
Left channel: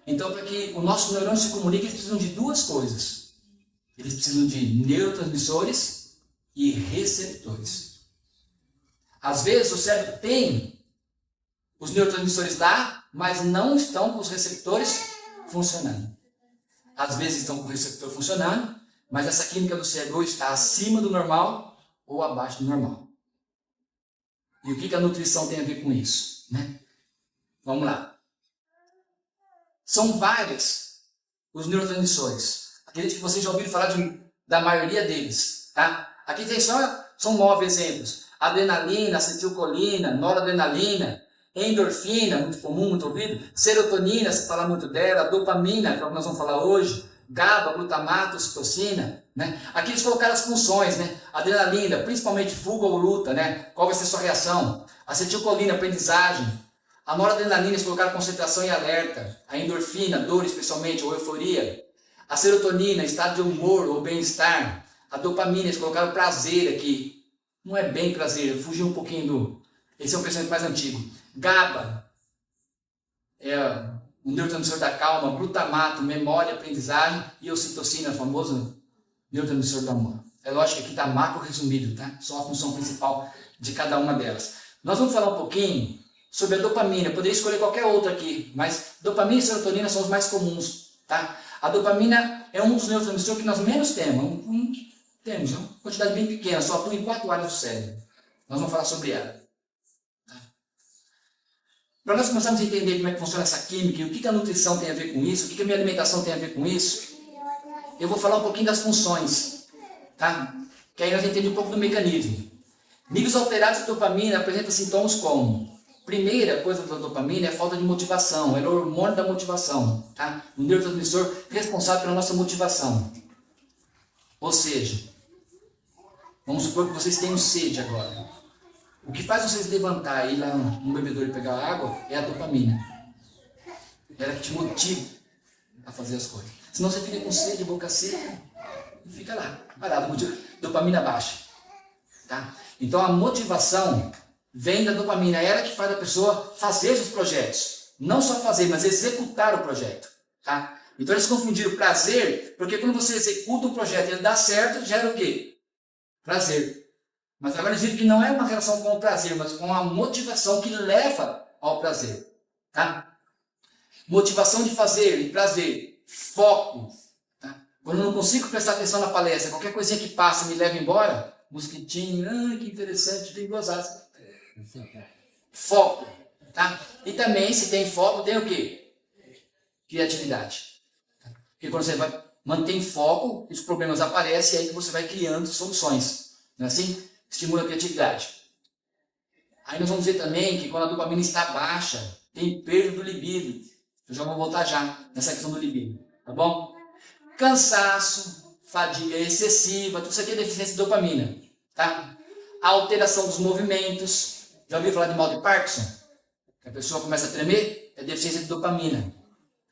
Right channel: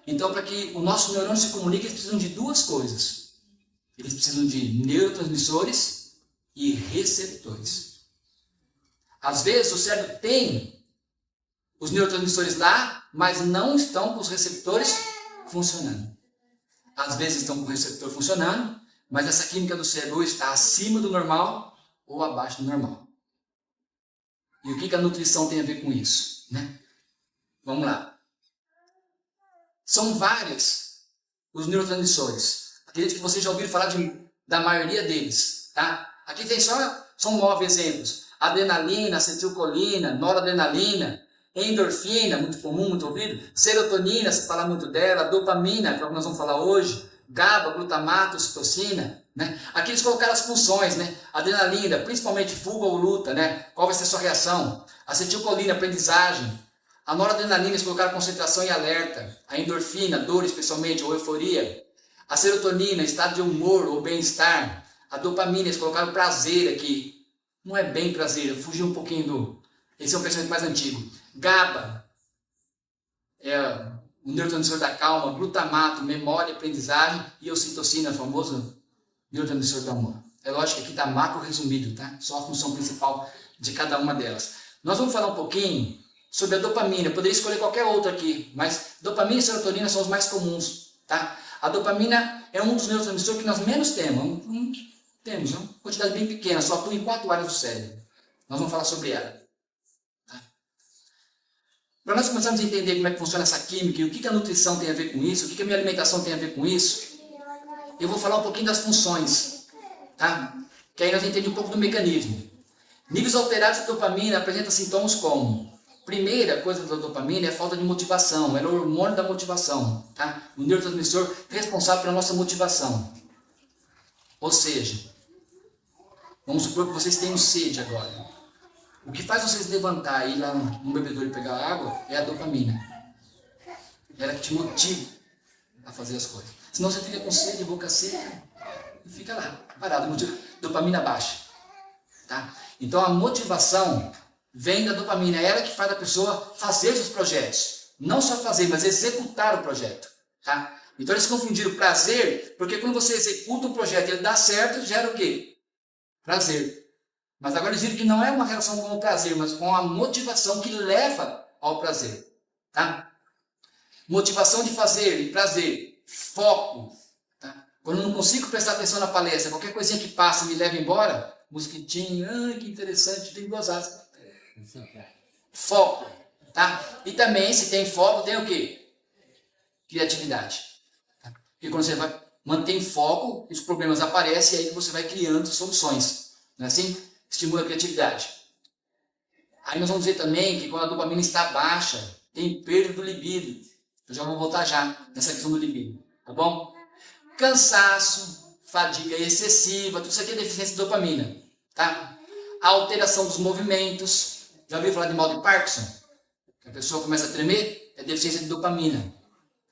Então, para que o nosso neurônio se comunique, eles precisam de duas coisas. Eles precisam de neurotransmissores e receptores. Às vezes, o cérebro tem os neurotransmissores lá, mas não estão com os receptores funcionando. Às vezes estão com o receptor funcionando, mas essa química do cérebro está acima do normal ou abaixo do normal. E o que a nutrição tem a ver com isso, né? Vamos lá. São vários os neurotransmissores. Acredito que vocês já ouviram falar da maioria deles, tá? Aqui tem são 9 exemplos. Adrenalina, acetilcolina, noradrenalina, endorfina, muito comum, muito ouvido. Serotonina, se fala muito dela. Dopamina, que é o que nós vamos falar hoje. GABA, glutamato, ocitocina, né? Aqui eles colocaram as funções, né? Adrenalina, principalmente fuga ou luta, né? Qual vai ser a sua reação? Acetilcolina, aprendizagem. A noradrenalina, eles colocaram concentração e alerta. A endorfina, dor especialmente, ou euforia. A serotonina, estado de humor ou bem-estar. A dopamina, eles colocaram prazer aqui. Não é bem prazer, fugiu um pouquinho do... Esse é um pensamento mais antigo. GABA, o neurotransmissor da calma, glutamato, memória, aprendizagem e ocitocina, famoso neurotransmissor da alma. É lógico que aqui está macro resumido, tá? Só a função principal de cada uma delas. Nós vamos falar um pouquinho sobre a dopamina. Eu poderia escolher qualquer outra aqui, mas dopamina e serotonina são os mais comuns, tá? A dopamina é um dos neurotransmissores que nós menos temos. Temos uma quantidade bem pequena, só atua em 4 áreas do cérebro. Nós vamos falar sobre ela. Para nós começarmos a entender como é que funciona essa química e o que a nutrição tem a ver com isso, o que a minha alimentação tem a ver com isso, eu vou falar um pouquinho das funções, tá? Que aí nós entendemos um pouco do mecanismo. Níveis alterados de dopamina apresentam sintomas como: primeira coisa da dopamina é a falta de motivação, é o hormônio da motivação, tá? O neurotransmissor responsável pela nossa motivação. Ou seja, vamos supor que vocês tenham sede agora. O que faz vocês levantar e ir lá no bebedouro e pegar água é a dopamina. Ela que te motiva a fazer as coisas. Senão você fica com sede, boca seca e fica lá, parado. Dopamina baixa. Tá? Então a motivação vem da dopamina. É ela que faz a pessoa fazer esses projetos. Não só fazer, mas executar o projeto. Tá? Então eles confundiram prazer, porque quando você executa um projeto e ele dá certo, gera o quê? Prazer. Mas agora eles viram que não é uma relação com o prazer, mas com a motivação que leva ao prazer. Tá? Motivação de fazer e prazer. Foco. Tá? Quando eu não consigo prestar atenção na palestra, qualquer coisinha que passa me leva embora, mosquitinho, que interessante, tem 2 asas. Foco. Tá? E também, se tem foco, tem o quê? Criatividade. Tá? Porque quando você mantém foco, os problemas aparecem e aí você vai criando soluções. Não é assim? Estimula a criatividade. Aí nós vamos dizer também que quando a dopamina está baixa, tem perda do libido. Eu já vou voltar já nessa questão do libido. Tá bom? Cansaço, fadiga excessiva, tudo isso aqui é deficiência de dopamina. Tá? A alteração dos movimentos. Já ouviu falar de mal de Parkinson? A pessoa começa a tremer, é deficiência de dopamina.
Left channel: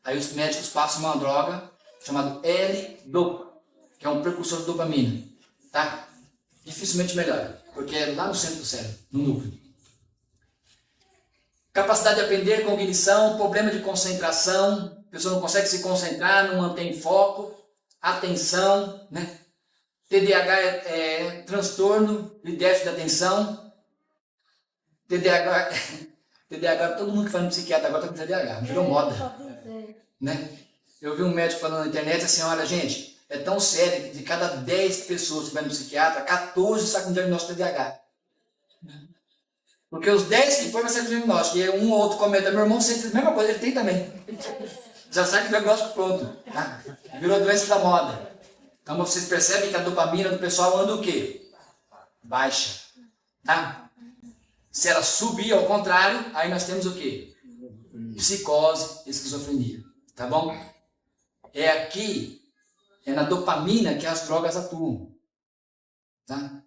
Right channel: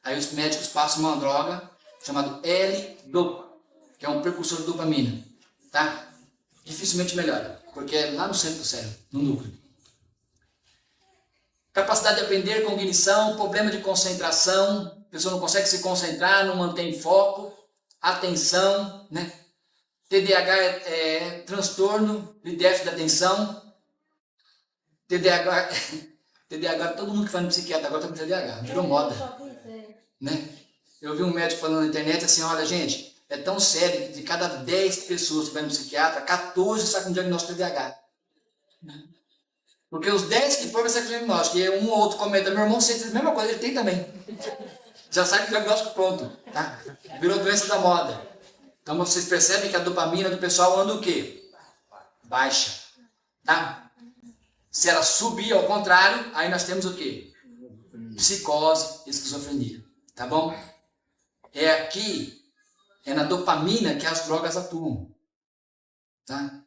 Aí os médicos passam uma droga chamada L-Dopa, que é um precursor de dopamina. Tá? Dificilmente melhora, porque é lá no centro do cérebro, no núcleo. Capacidade de aprender, cognição, problema de concentração, a pessoa não consegue se concentrar, não mantém foco, atenção, né? TDAH é transtorno de déficit de atenção. TDAH, todo mundo que faz no psiquiatra agora está com TDAH, virou moda. Né? Eu vi um médico falando na internet assim: olha, gente, é tão sério que de cada 10 pessoas que vai no psiquiatra, 14 saem com diagnóstico de TDAH. Porque os 10 que foram vai sair com diagnóstico. E um ou outro comenta, meu irmão sente a mesma coisa, ele tem também. Já sai com o diagnóstico pronto. Tá? Virou doença da moda. Então vocês percebem que a dopamina do pessoal anda o quê? Baixa. Tá? Se ela subir ao contrário, aí nós temos o quê? Psicose, esquizofrenia. Tá bom? É aqui, é na dopamina que as drogas atuam. Tá?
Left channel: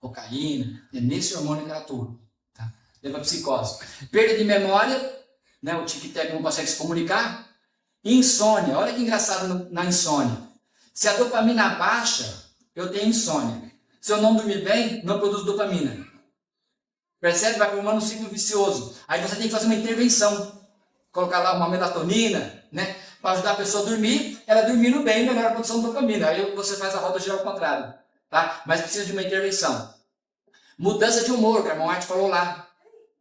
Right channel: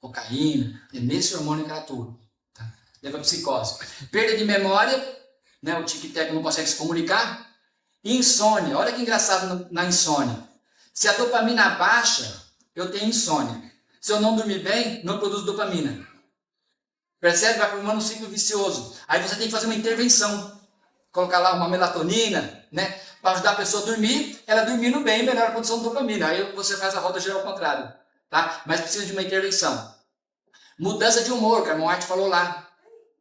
Cocaína, é nesse hormônio que ela atua. Tá? Leva a psicose. Perda de memória, né? O tic-tac não consegue se comunicar. Insônia, olha que engraçado na insônia. Se a dopamina baixa, eu tenho insônia. Se eu não dormir bem, não produzo dopamina. Percebe? Vai formando um ciclo vicioso. Aí você tem que fazer uma intervenção. Colocar lá uma melatonina, né? Para ajudar a pessoa a dormir, ela dormindo bem, melhora a produção de dopamina. Aí você faz a roda girar ao contrário. Tá? Mas precisa de uma intervenção. Mudança de humor, que a irmã White falou lá.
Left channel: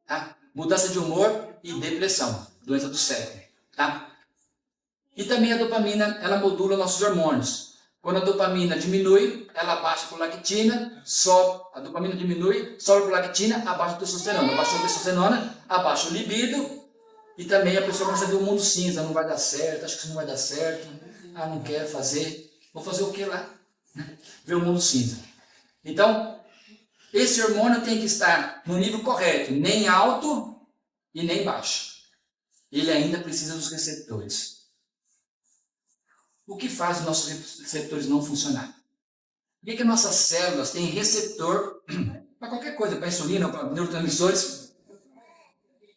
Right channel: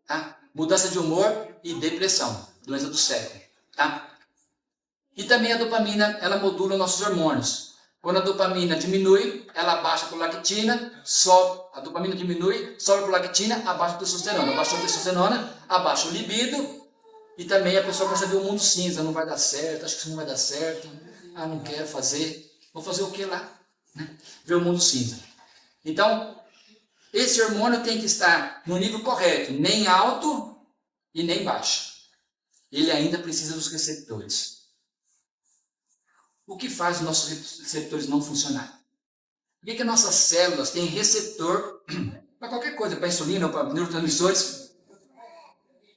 Tá? Mudança de humor e depressão. Doença do cérebro. Tá? E também a dopamina, ela modula nossos hormônios. Quando a dopamina diminui, ela abaixa a prolactina, sobe. A dopamina diminui, sobe a prolactina, abaixa a testosterona. Abaixa a testosterona, abaixa o libido. E também a pessoa começa a ver o mundo cinza. Não vai dar certo, acho que isso não vai dar certo. Ah, não quero fazer. Vou fazer o que lá? Ver o mundo cinza. Então, esse hormônio tem que estar no nível correto. Nem alto e nem baixo. Ele ainda precisa dos receptores. O que faz os nossos receptores não funcionar? Por que as nossas células têm receptor para qualquer coisa, para insulina, para neurotransmissores,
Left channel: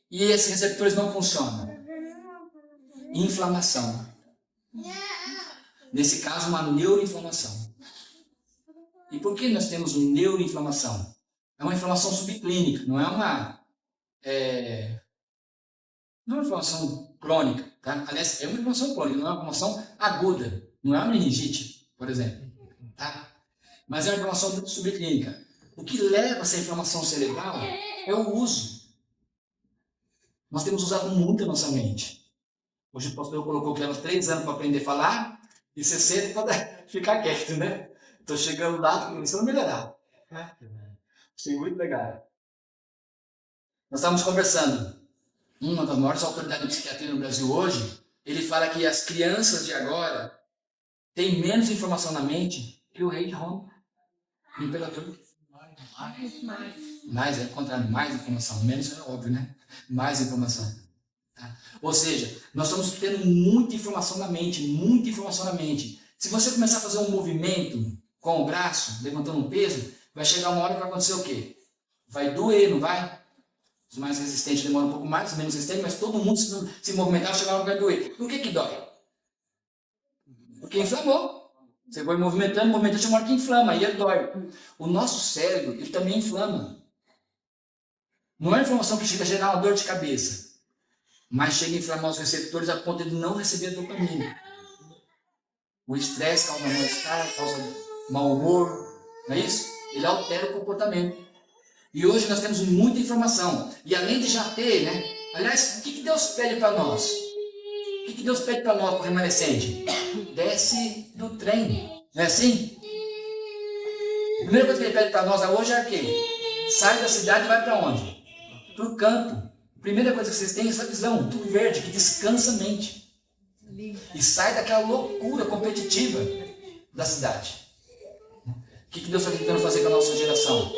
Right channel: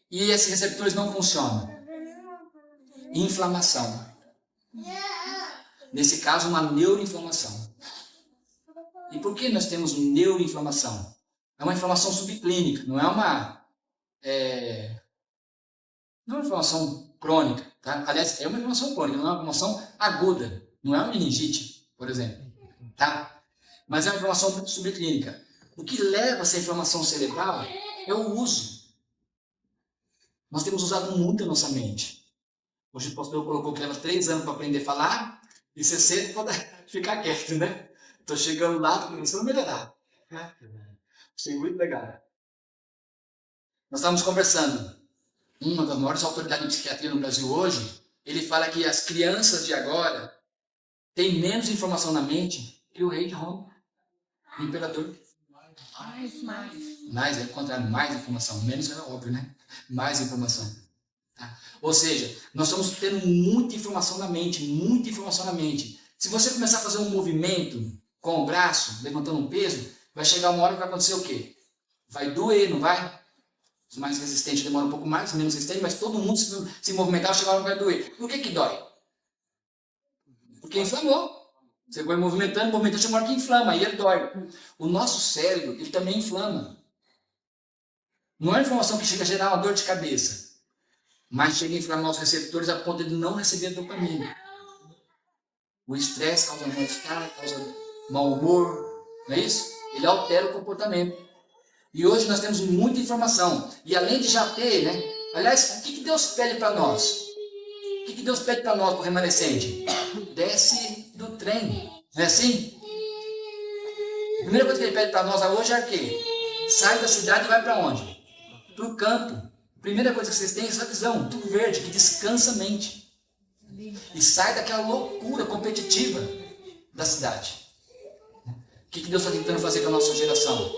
e esses receptores não funcionam? Inflamação. Nesse caso, uma neuroinflamação. E por que nós temos neuroinflamação? É uma inflamação subclínica, não é uma inflamação crônica. Tá? Aliás, é uma inflamação crônica, não é uma inflamação aguda. Não é uma meningite, por exemplo. Tá? Mas é uma inflamação subclínica. O que leva a essa inflamação cerebral é o uso. Nós temos usado muito a nossa mente. Hoje o pastor colocou que leva 3 anos para aprender a falar e 60 para ficar quieto, né? Estou chegando lá, começando a melhorar. Achei muito legal. Nós estávamos conversando. Uma das maiores autoridades de psiquiatria no Brasil hoje, ele fala que as crianças de agora têm menos informação na mente que o rei de Roma, o imperador. Mais, é o contrário, mais informação. Menos é óbvio, né? Mais informação. Tá? Ou seja, nós estamos tendo muita informação na mente, muita informação na mente. Se você começar a fazer um movimento com o braço, levantando um peso, vai chegar uma hora que vai acontecer o quê? Vai doer, não vai? Os mais resistentes demoram um pouco mais, os menos resistentes, mas todo mundo se movimentar, chega uma hora que vai doer. Por que dói? Porque inflamou. Você vai movimentando, chega uma hora que inflama, aí dói. O nosso cérebro, ele também inflama. Não é a inflamação que chega a gerar uma dor de cabeça, mas chega a inflamar os receptores a ponto de não receber dopamina. O estresse causa mal-estar, causa mau humor, não é isso? Ele altera o comportamento. E hoje nós temos muita informação. E além de já ter, né? Aliás, o que Deus pede para nós? O que Deus pede para nós, para o remanescente? Desce do trem. Não é assim? A primeira coisa que ele pede para nós hoje é o quê? Sai da cidade e vai para onde? Para o campo. A primeira coisa que vocês têm é essa visão, tudo verde, que descansa a mente. E sai daquela loucura competitiva da cidade. O que Deus está tentando fazer com a nossa geração?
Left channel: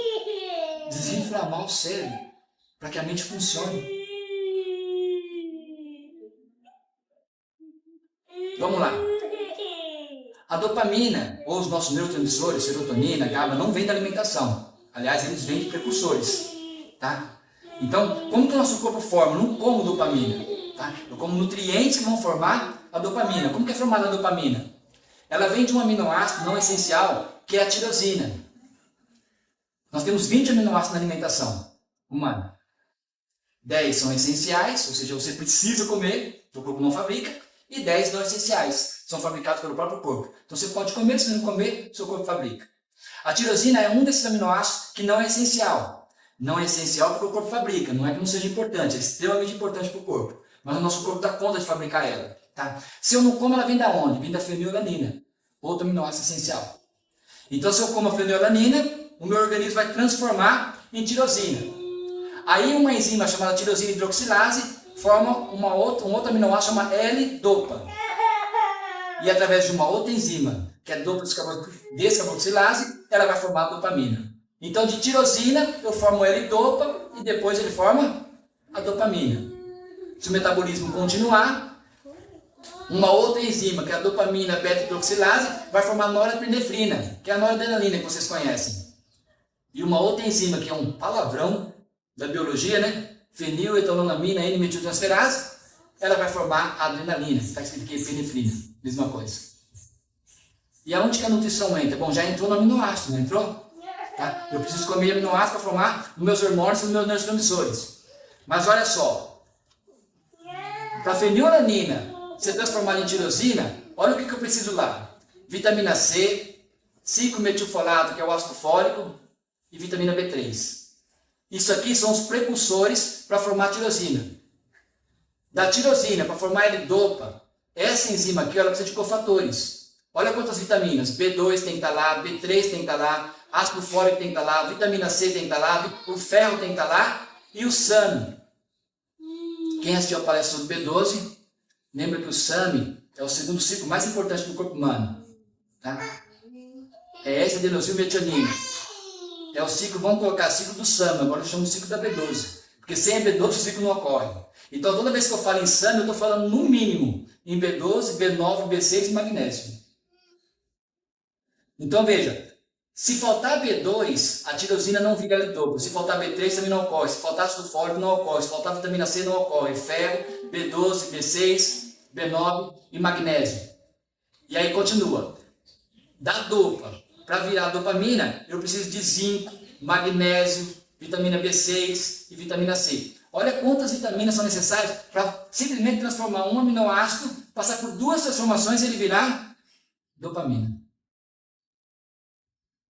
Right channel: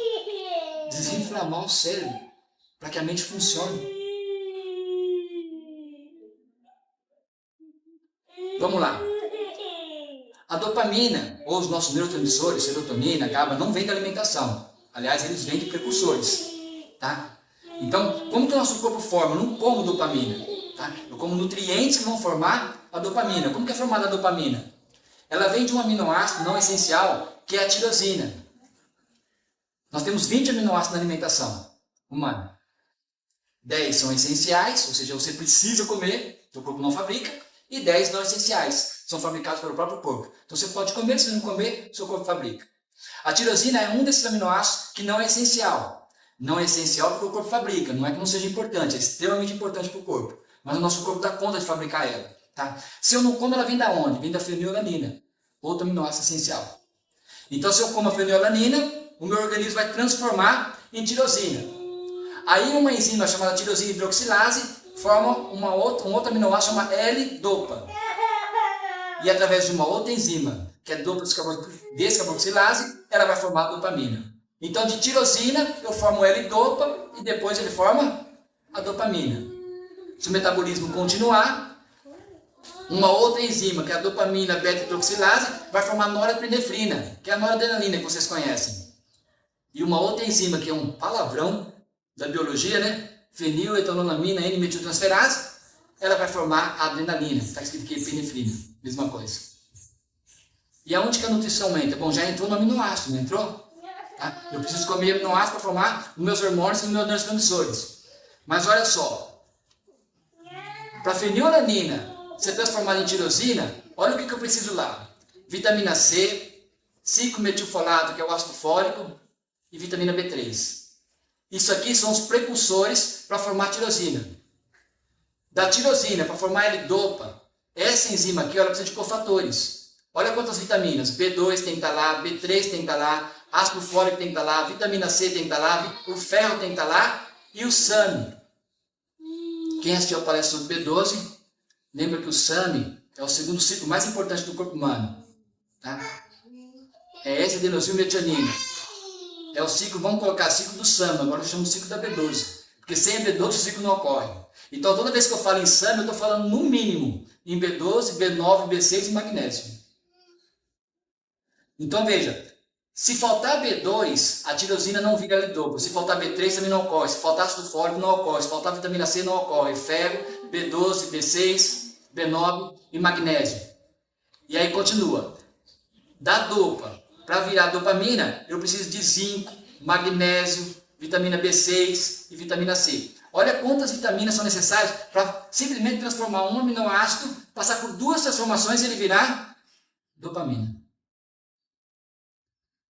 Desinflamar o cérebro, para que a mente funcione. Vamos lá. A dopamina, ou os nossos neurotransmissores, serotonina, GABA, não vem da alimentação. Aliás, eles vêm de precursores. Tá? Então, como que o nosso corpo forma? Eu não como dopamina. Tá? Eu como nutrientes que vão formar a dopamina. Como que é formada a dopamina? Ela vem de um aminoácido não essencial, que é a tirosina. Nós temos 20 aminoácidos na alimentação humana. 10 são essenciais, ou seja, você precisa comer, o corpo não fabrica, e 10 não essenciais, são fabricados pelo próprio corpo. Então você pode comer, se não comer, seu corpo fabrica. A tirosina é um desses aminoácidos que não é essencial. Não é essencial porque o corpo fabrica, não é que não seja importante, é extremamente importante para o corpo. Mas o nosso corpo dá conta de fabricar ela. Tá? Se eu não como, ela vem da onde? Vem da fenilalanina. outro aminoácido essencial. Então, se eu como a fenilalanina, o meu organismo vai transformar em tirosina. Aí uma enzima chamada tirosina hidroxilase forma um outro aminoácido chamado L-dopa. E através de uma outra enzima, que é dopa descarboxilase, ela vai formar a dopamina. Então, de tirosina, eu formo o L-dopa e depois ele forma a dopamina. Se o metabolismo continuar, uma outra enzima, que é a dopamina beta-hidroxilase, vai formar norepinefrina, que é a noradrenalina que vocês conhecem. E uma outra enzima, que é um palavrão da biologia, né? Feniletonolamina N-metiltransferase, ela vai formar a adrenalina, está escrito aqui epinefrina, mesma coisa. E aonde que a nutrição entra? Bom, já entrou no aminoácido, não entrou? Tá? Eu preciso comer aminoácido para formar os meus hormônios e os meus neurotransmissores. Mas olha só, para a fenilalanina ser transformada em tirosina, olha o que eu preciso lá. Vitamina C, 5-metilfolato, que é o ácido fólico, e vitamina B3. Isso aqui são os precursores para formar a tirosina. Da tirosina, para formar L-dopa, essa enzima aqui, ela precisa de cofatores. Olha quantas vitaminas. B2 tem que estar lá, B3 tem que estar lá, ácido fólico tem que estar lá, vitamina C tem que estar lá, o ferro tem que estar lá e o SAMe. Quem assistiu a palestra do B12, lembra que o SAMe é o segundo ciclo mais importante do corpo humano. Tá? É S-adenosilmetionina. É o ciclo, vamos colocar ciclo do SAMe, agora eu chamo de ciclo da B12. Porque sem a B12 o ciclo não ocorre. Então toda vez que eu falo em SAMe, eu estou falando no mínimo em B12, B9, B6 e magnésio. Então veja, se faltar B2, a tirosina não vira L-dopa. Se faltar B3 também não ocorre. Se faltar ácido fólico não ocorre. Se faltar vitamina C não ocorre. Ferro, B12, B6, B9 e magnésio. E aí continua. Da dopa, para virar dopamina, eu preciso de zinco, magnésio, vitamina B6 e vitamina C. Olha quantas vitaminas são necessárias para simplesmente transformar um aminoácido, passar por 2 transformações e ele virar dopamina.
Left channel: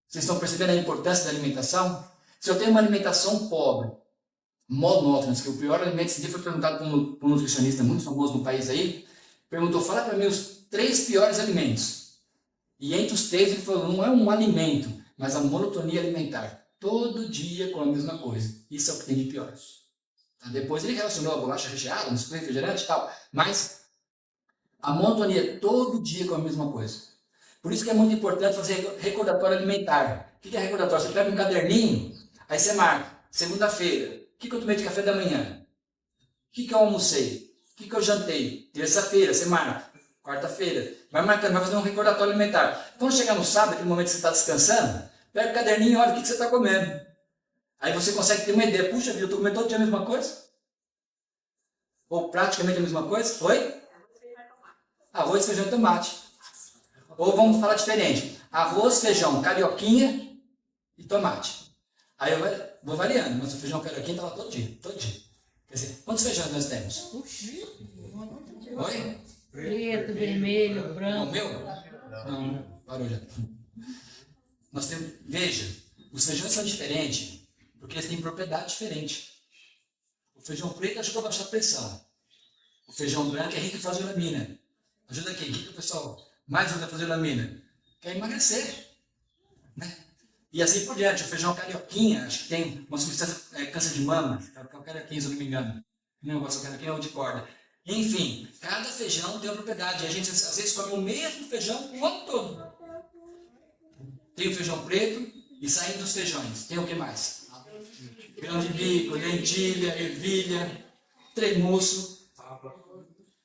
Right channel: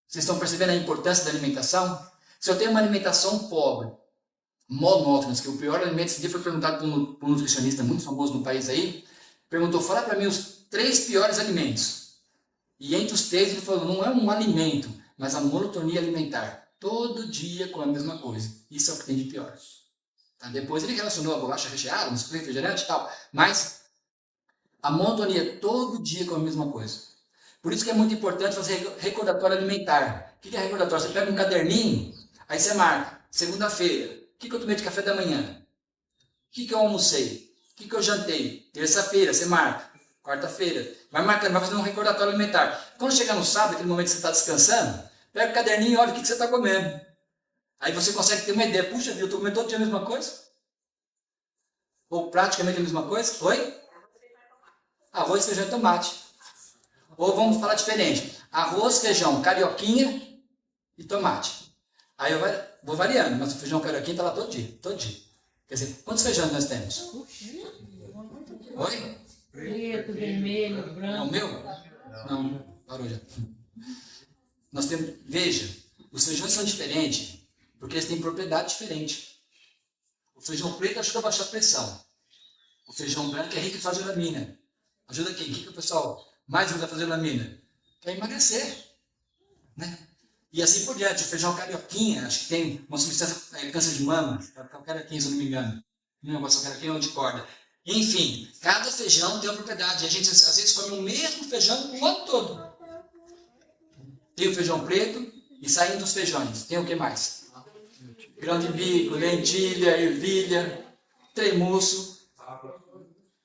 Vocês estão percebendo a importância da alimentação? Se eu tenho uma alimentação pobre, monótona, que o pior alimento, esse dia foi perguntado por um nutricionista muito famoso no país aí, perguntou, fala para mim os 3 piores alimentos. E entre os 3 ele falou, não é um alimento, mas a monotonia alimentar. Todo dia com a mesma coisa. Isso é o que tem de pior. Tá? Depois ele relacionou a bolacha recheada, no refrigerante e tal. Mas a monotonia todo dia com a mesma coisa. Por isso que é muito importante fazer recordatório alimentar. O que é recordatório? Você pega um caderninho, aí você marca, segunda-feira, o que eu tomei de café da manhã? O que eu almocei? O que eu jantei? Terça-feira, você marca. Quarta-feira. Vai marcando, vai fazer um recordatório alimentar. Quando chegar no sábado, aquele momento que você está descansando, pega o caderninho e olha o que você está comendo. Aí você consegue ter uma ideia. Puxa vida, eu estou comendo todo dia a mesma coisa? Ou praticamente a mesma coisa? Oi? Arroz, feijão e tomate. Ou vamos falar diferente. Arroz, feijão, carioquinha e tomate. Aí eu vou variando, mas o feijão carioquinha está lá todo dia, todo dia. Quer dizer, quantos feijões nós temos? Oi? Preto, vermelho, Não, branco. o meu? Não, parou já. Nós temos, veja, os feijões são diferentes, porque eles têm propriedade diferente. O feijão preto ajuda a baixar a pressão. O feijão branco é rico em flagelamina. Ajuda quem? O que o pessoal mais usa flagelamina? Quer emagrecer. Né? E assim por diante. O feijão carioquinha, acho que tem uma substância, câncer de mama. É o carioquinha, se eu não me engano. Não negócio carioquinha ou de corda. Enfim, cada feijão tem uma propriedade. A gente às vezes come o mesmo feijão o ano todo. Tem o feijão preto e saindo dos feijões. Tem o que mais? Grão de bico, lentilha, ervilha, tremuço,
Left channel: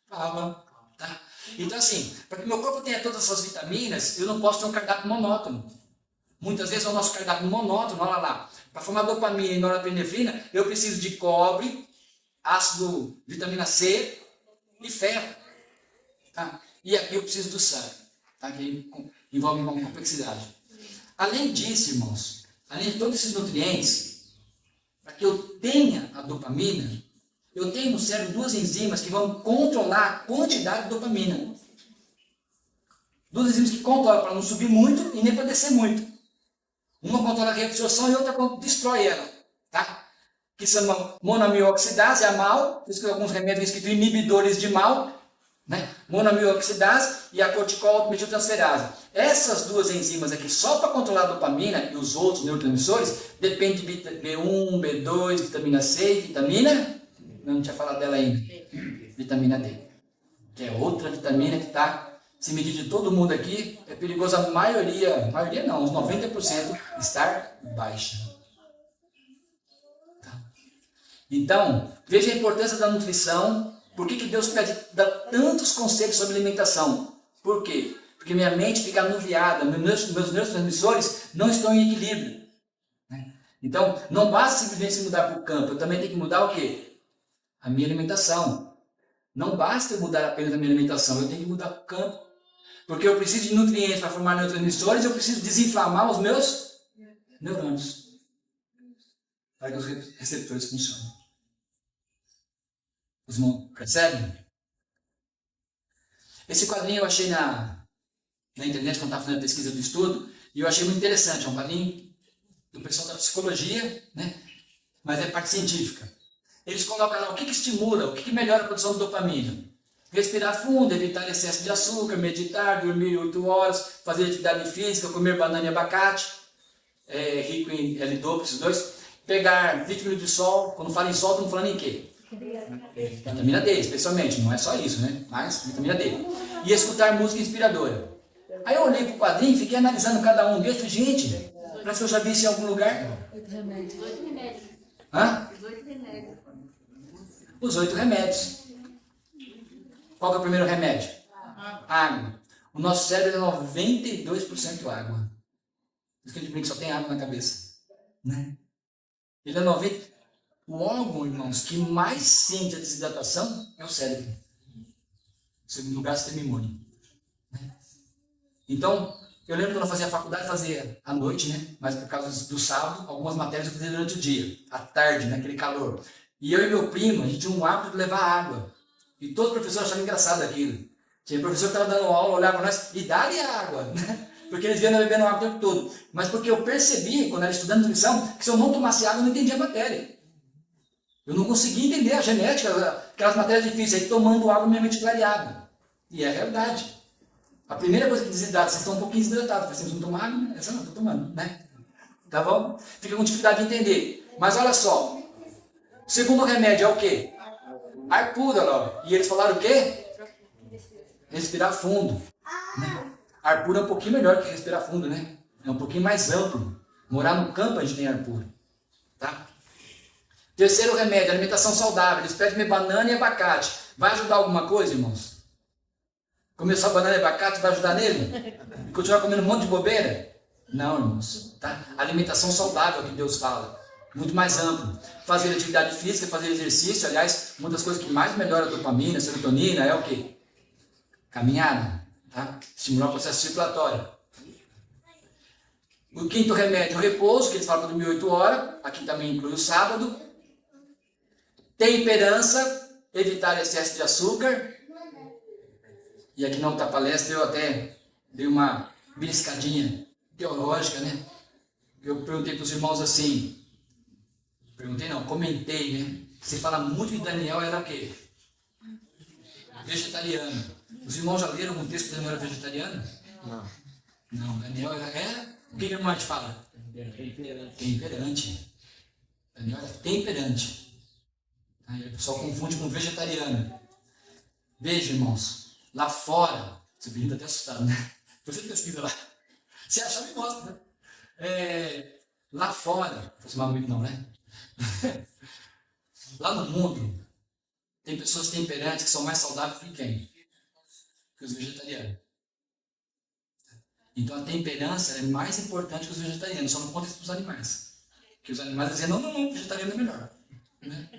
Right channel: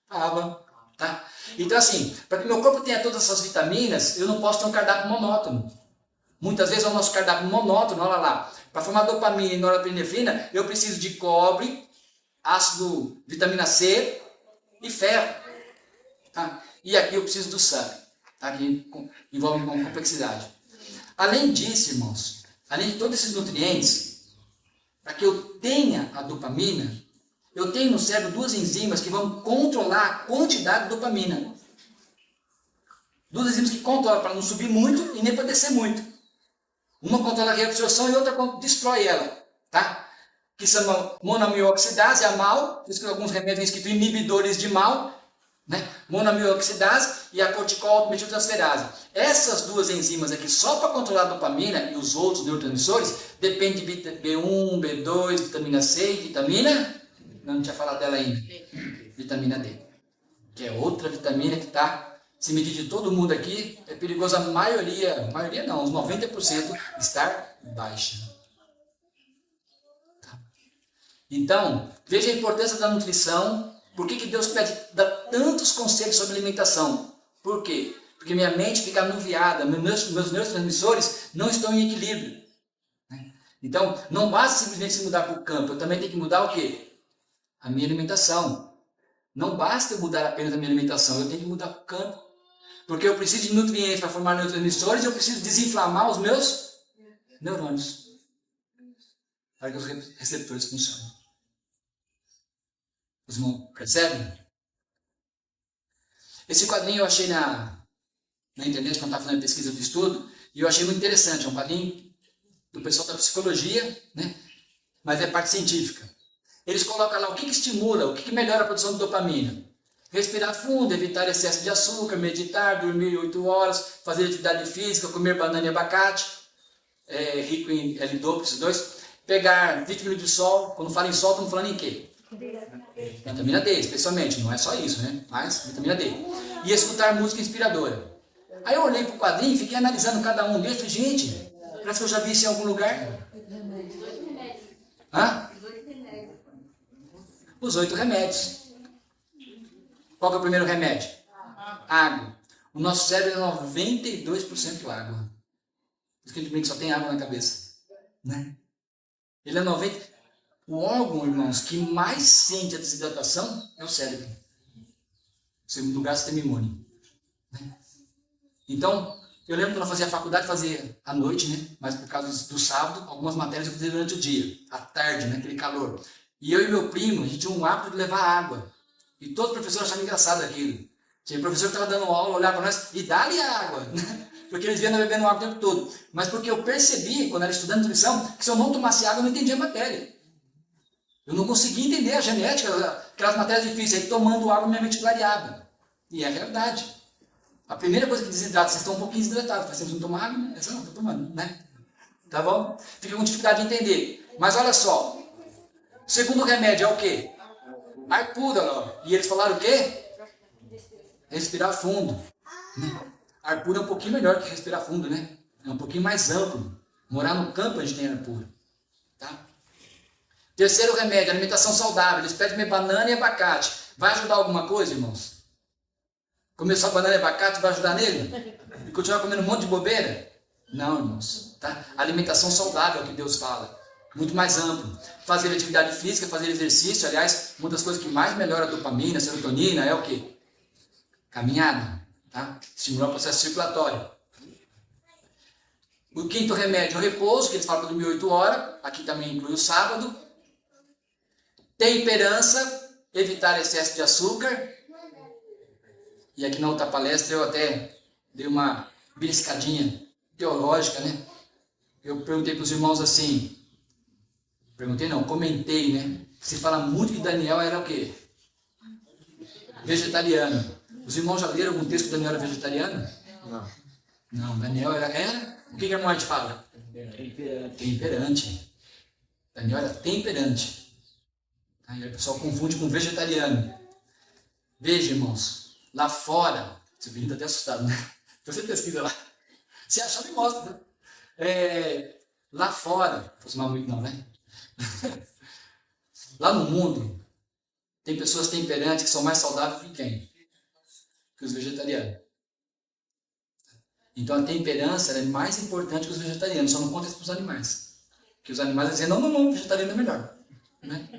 água. Tá? Então assim, para que meu corpo tenha todas essas vitaminas, eu não posso ter um cardápio monótono. Muitas vezes é o nosso cardápio monótono, olha lá. Para formar dopamina e norepinefrina, eu preciso de cobre, ácido, vitamina C e ferro. Tá? E aqui eu preciso do sangue. Tá? Que envolve uma complexidade. Além disso, irmãos, além de todos esses nutrientes, para que eu tenha a dopamina, eu tenho no cérebro 2 enzimas que vão controlar a quantidade de dopamina. 2 enzimas que controlam para não subir muito e nem para descer muito. Uma controla a reabsorção e outra destrói ela. Tá? Que são monoamilooxidase, a MAO, por isso que alguns remédios que inibidores de MAO, né? Monoaminoxidase e a corticometiltransferase. Essas duas enzimas aqui, só para controlar a dopamina e os outros neurotransmissores, depende de B1, B2, vitamina C e vitamina... Não tinha falado dela ainda. Vitamina D. Que é outra vitamina que está, se medir de todo mundo aqui, é perigoso a maioria não, uns 90% estar baixa. Tá? Então, veja a importância da nutrição. Por que Deus dá tantos conselhos sobre alimentação? Por quê? Porque minha mente fica anuviada, meus neurotransmissores não estão em equilíbrio. Né? Então, não basta simplesmente se mudar para o campo, eu também tenho que mudar o quê? A minha alimentação. Não basta eu mudar apenas a minha alimentação, eu tenho que mudar o campo. Porque eu preciso de nutrientes para formar neurotransmissores, eu preciso desinflamar os meus neurônios. Para que os receptores funcionem. Os irmãos percebem? Esse quadrinho eu achei na internet, quando estava fazendo a pesquisa do estudo, e eu achei muito interessante. É um quadrinho do pessoal da psicologia, né? Mas é parte científica. Eles colocam lá o que estimula, o que melhora a produção de dopamina. Respirar fundo, evitar excesso de açúcar, meditar, dormir 8 horas, fazer atividade física, comer banana e abacate, rico em L-dopa, esses dois. Pegar 20 minutos de sol, quando fala em sol, estamos falando em quê? Vitamina D, especialmente, não é só isso, né? Mas vitamina D. E escutar música inspiradora. Aí eu olhei para o quadrinho, fiquei analisando cada um deles, gente, parece que eu já vi isso em algum lugar. Hã? Os 8 remédios. Qual que é o primeiro remédio? Água. O nosso cérebro é 92% água. Por isso que a gente brinca que só tem água na cabeça. Né? Ele é 90%. O órgão, irmãos, que mais sente a desidratação é o cérebro. O segundo lugar, o sistema imune. Né? Então, eu lembro quando eu fazia faculdade, fazia à noite, né? Mas por causa do sábado, algumas matérias eu fazia durante o dia, à tarde, naquele calor. E eu e meu primo, a gente tinha um hábito de levar água. E todos os professores achavam engraçado aquilo. Tinha professor que estava dando aula, olhava para nós e dá-lhe água. Né? Porque eles vinham bebendo água o tempo todo. Mas porque eu percebi, quando era estudando nutrição, que se eu não tomasse água, eu não entendia a matéria. Eu não conseguia entender a genética, aquelas matérias difíceis. Aí tomando água, minha mente clareava. E é a realidade. A primeira coisa que desidrata, vocês estão um pouquinho desidratados. Vocês não tomam água? Né? Eu não estou tomando, né? Tá bom? Fica com dificuldade de entender. Mas olha só. O segundo remédio é o quê? Ar puro, ó. E eles falaram o quê? Respirar fundo. Né? Ar puro é um pouquinho melhor que respirar fundo, né? É um pouquinho mais amplo. Morar no campo a gente tem ar puro. Tá? Terceiro remédio, alimentação saudável. Eles pedem comer banana e abacate. Vai ajudar alguma coisa, irmãos? Comer só banana e abacate vai ajudar nele? E continuar comendo um monte de bobeira? Não, irmãos. Tá? Alimentação saudável é o que Deus fala. Muito mais amplo. Fazer atividade física, fazer exercício. Aliás, uma das coisas que mais melhora a dopamina, a serotonina é o quê? Caminhada. Tá? Estimular o processo circulatório. O quinto remédio, o repouso, que eles falam para dormir 8 horas. Aqui também inclui o sábado. Temperança, evitar excesso de açúcar. E aqui na outra palestra eu até dei uma beliscadinha teológica, né? Eu perguntei para os irmãos assim, comentei, né? Se fala muito que Daniel era o quê? Vegetariano. Os irmãos já leram algum texto que Daniel era vegetariano? Não. Não, Daniel era o que a morte fala? Temperante. Daniel era temperante. Aí o pessoal confunde com vegetariano. Veja, irmãos, lá fora, esse menino está até assustado, né? Você pesquisa lá. Se achar, me mostra, né? Lá fora, não aproximar muito não, né? Lá no mundo, tem pessoas temperantes que são mais saudáveis que quem? Que os vegetarianos. Então a temperança é mais importante que os vegetarianos, só não conta isso para os animais. Porque os animais dizem, não, vegetariano é melhor. Né?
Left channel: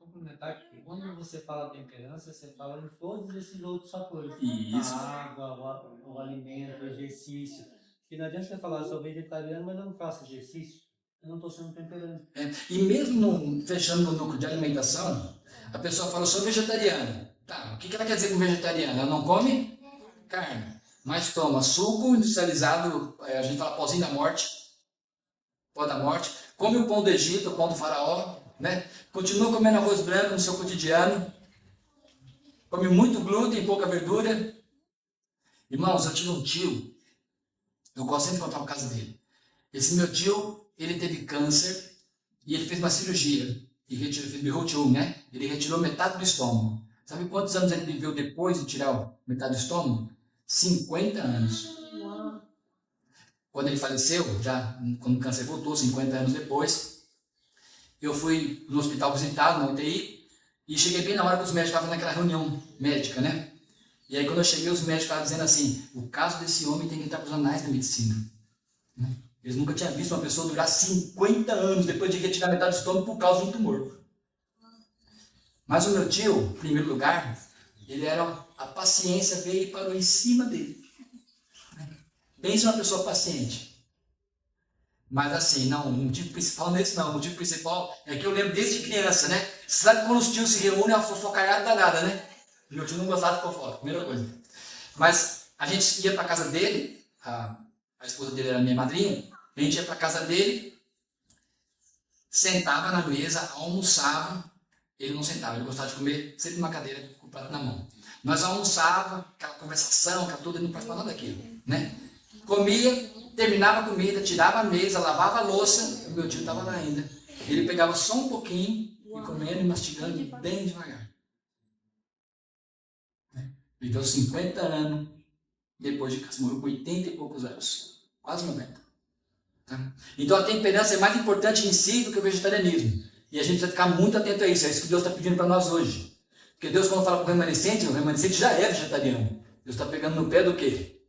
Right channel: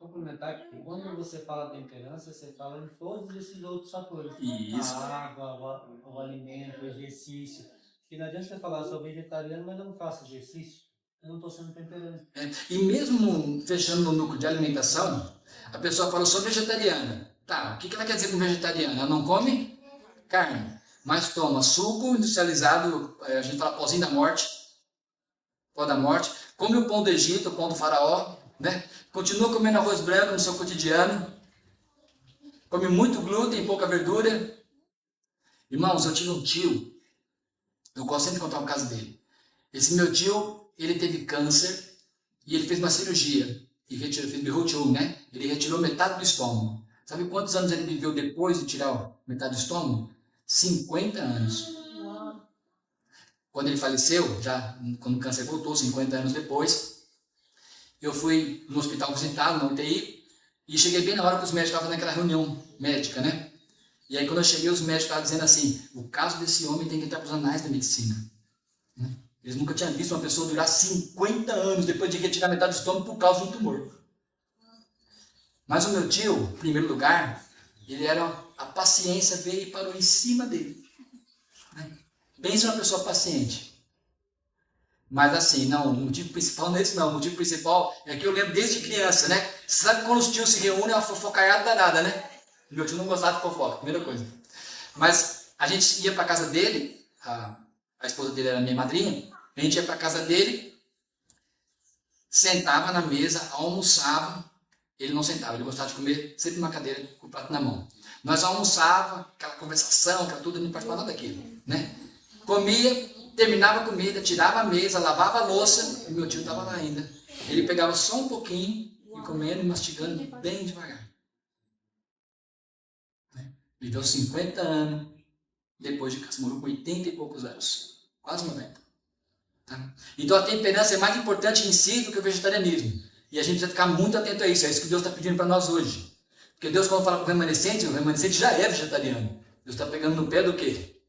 Complementar que quando você fala temperança, você fala em todos esses outros fatores. Isso. A água, o alimento, o exercício. Porque não adianta você falar, eu sou vegetariano, mas eu não faço exercício. Eu não estou sendo temperante. E mesmo fechando no núcleo de alimentação, a pessoa fala, eu sou vegetariana. Tá, o que ela quer dizer com vegetariana? Ela não come carne, mas toma suco industrializado, a gente fala pozinho da morte, pó da morte, come o pão do Egito, o pão do faraó, né? Continua comendo arroz branco no seu cotidiano, come muito glúten, pouca verdura. Irmãos, eu tive um tio, eu gosto sempre de contar o caso dele. Esse meu tio, ele teve câncer e ele fez uma cirurgia. E fez birrotiu, né? Ele retirou metade do estômago. Sabe quantos anos ele viveu depois de tirar metade do estômago? 50 anos. Quando ele faleceu, já quando o câncer voltou, 50 anos depois, eu fui no hospital visitá-lo, na UTI, e cheguei bem na hora que os médicos estavam naquela reunião médica, né? E aí quando eu cheguei, os médicos estavam dizendo assim, o caso desse homem tem que entrar para os anais da medicina. Né? Eles nunca tinham visto uma pessoa durar 50 anos depois de retirar metade do estômago por causa de um tumor. Mas o meu tio, em primeiro lugar, a paciência veio e parou em cima dele. Pensa uma pessoa paciente. Mas assim, não, o motivo principal não é esse não. O motivo principal é que eu lembro desde criança, né? Sabe quando os tios se reúnem, é uma fofocaiada danada, né? Meu tio não gostava de fofoca, primeira coisa. Mas a gente ia para casa dele, a esposa dele era minha madrinha, a gente ia para casa dele, sentava na mesa, almoçava. Ele não sentava, ele gostava de comer sempre numa cadeira com o prato na mão. Nós almoçava, aquela conversação, aquela tudo, ele não participava daquilo, né? Comia, terminava a comida, tirava a mesa, lavava a louça, e meu tio estava lá ainda. Ele pegava só um pouquinho, e comendo e mastigando bem devagar. Viveu 50 anos, depois de casa, morreu com 80 e poucos anos, quase 90. Tá? Então a temperança é mais importante em si do que o vegetarianismo. E a gente precisa ficar muito atento a isso, é isso que Deus está pedindo para nós hoje. Porque Deus, quando fala com o remanescente já é vegetariano. Deus está pegando no pé do quê?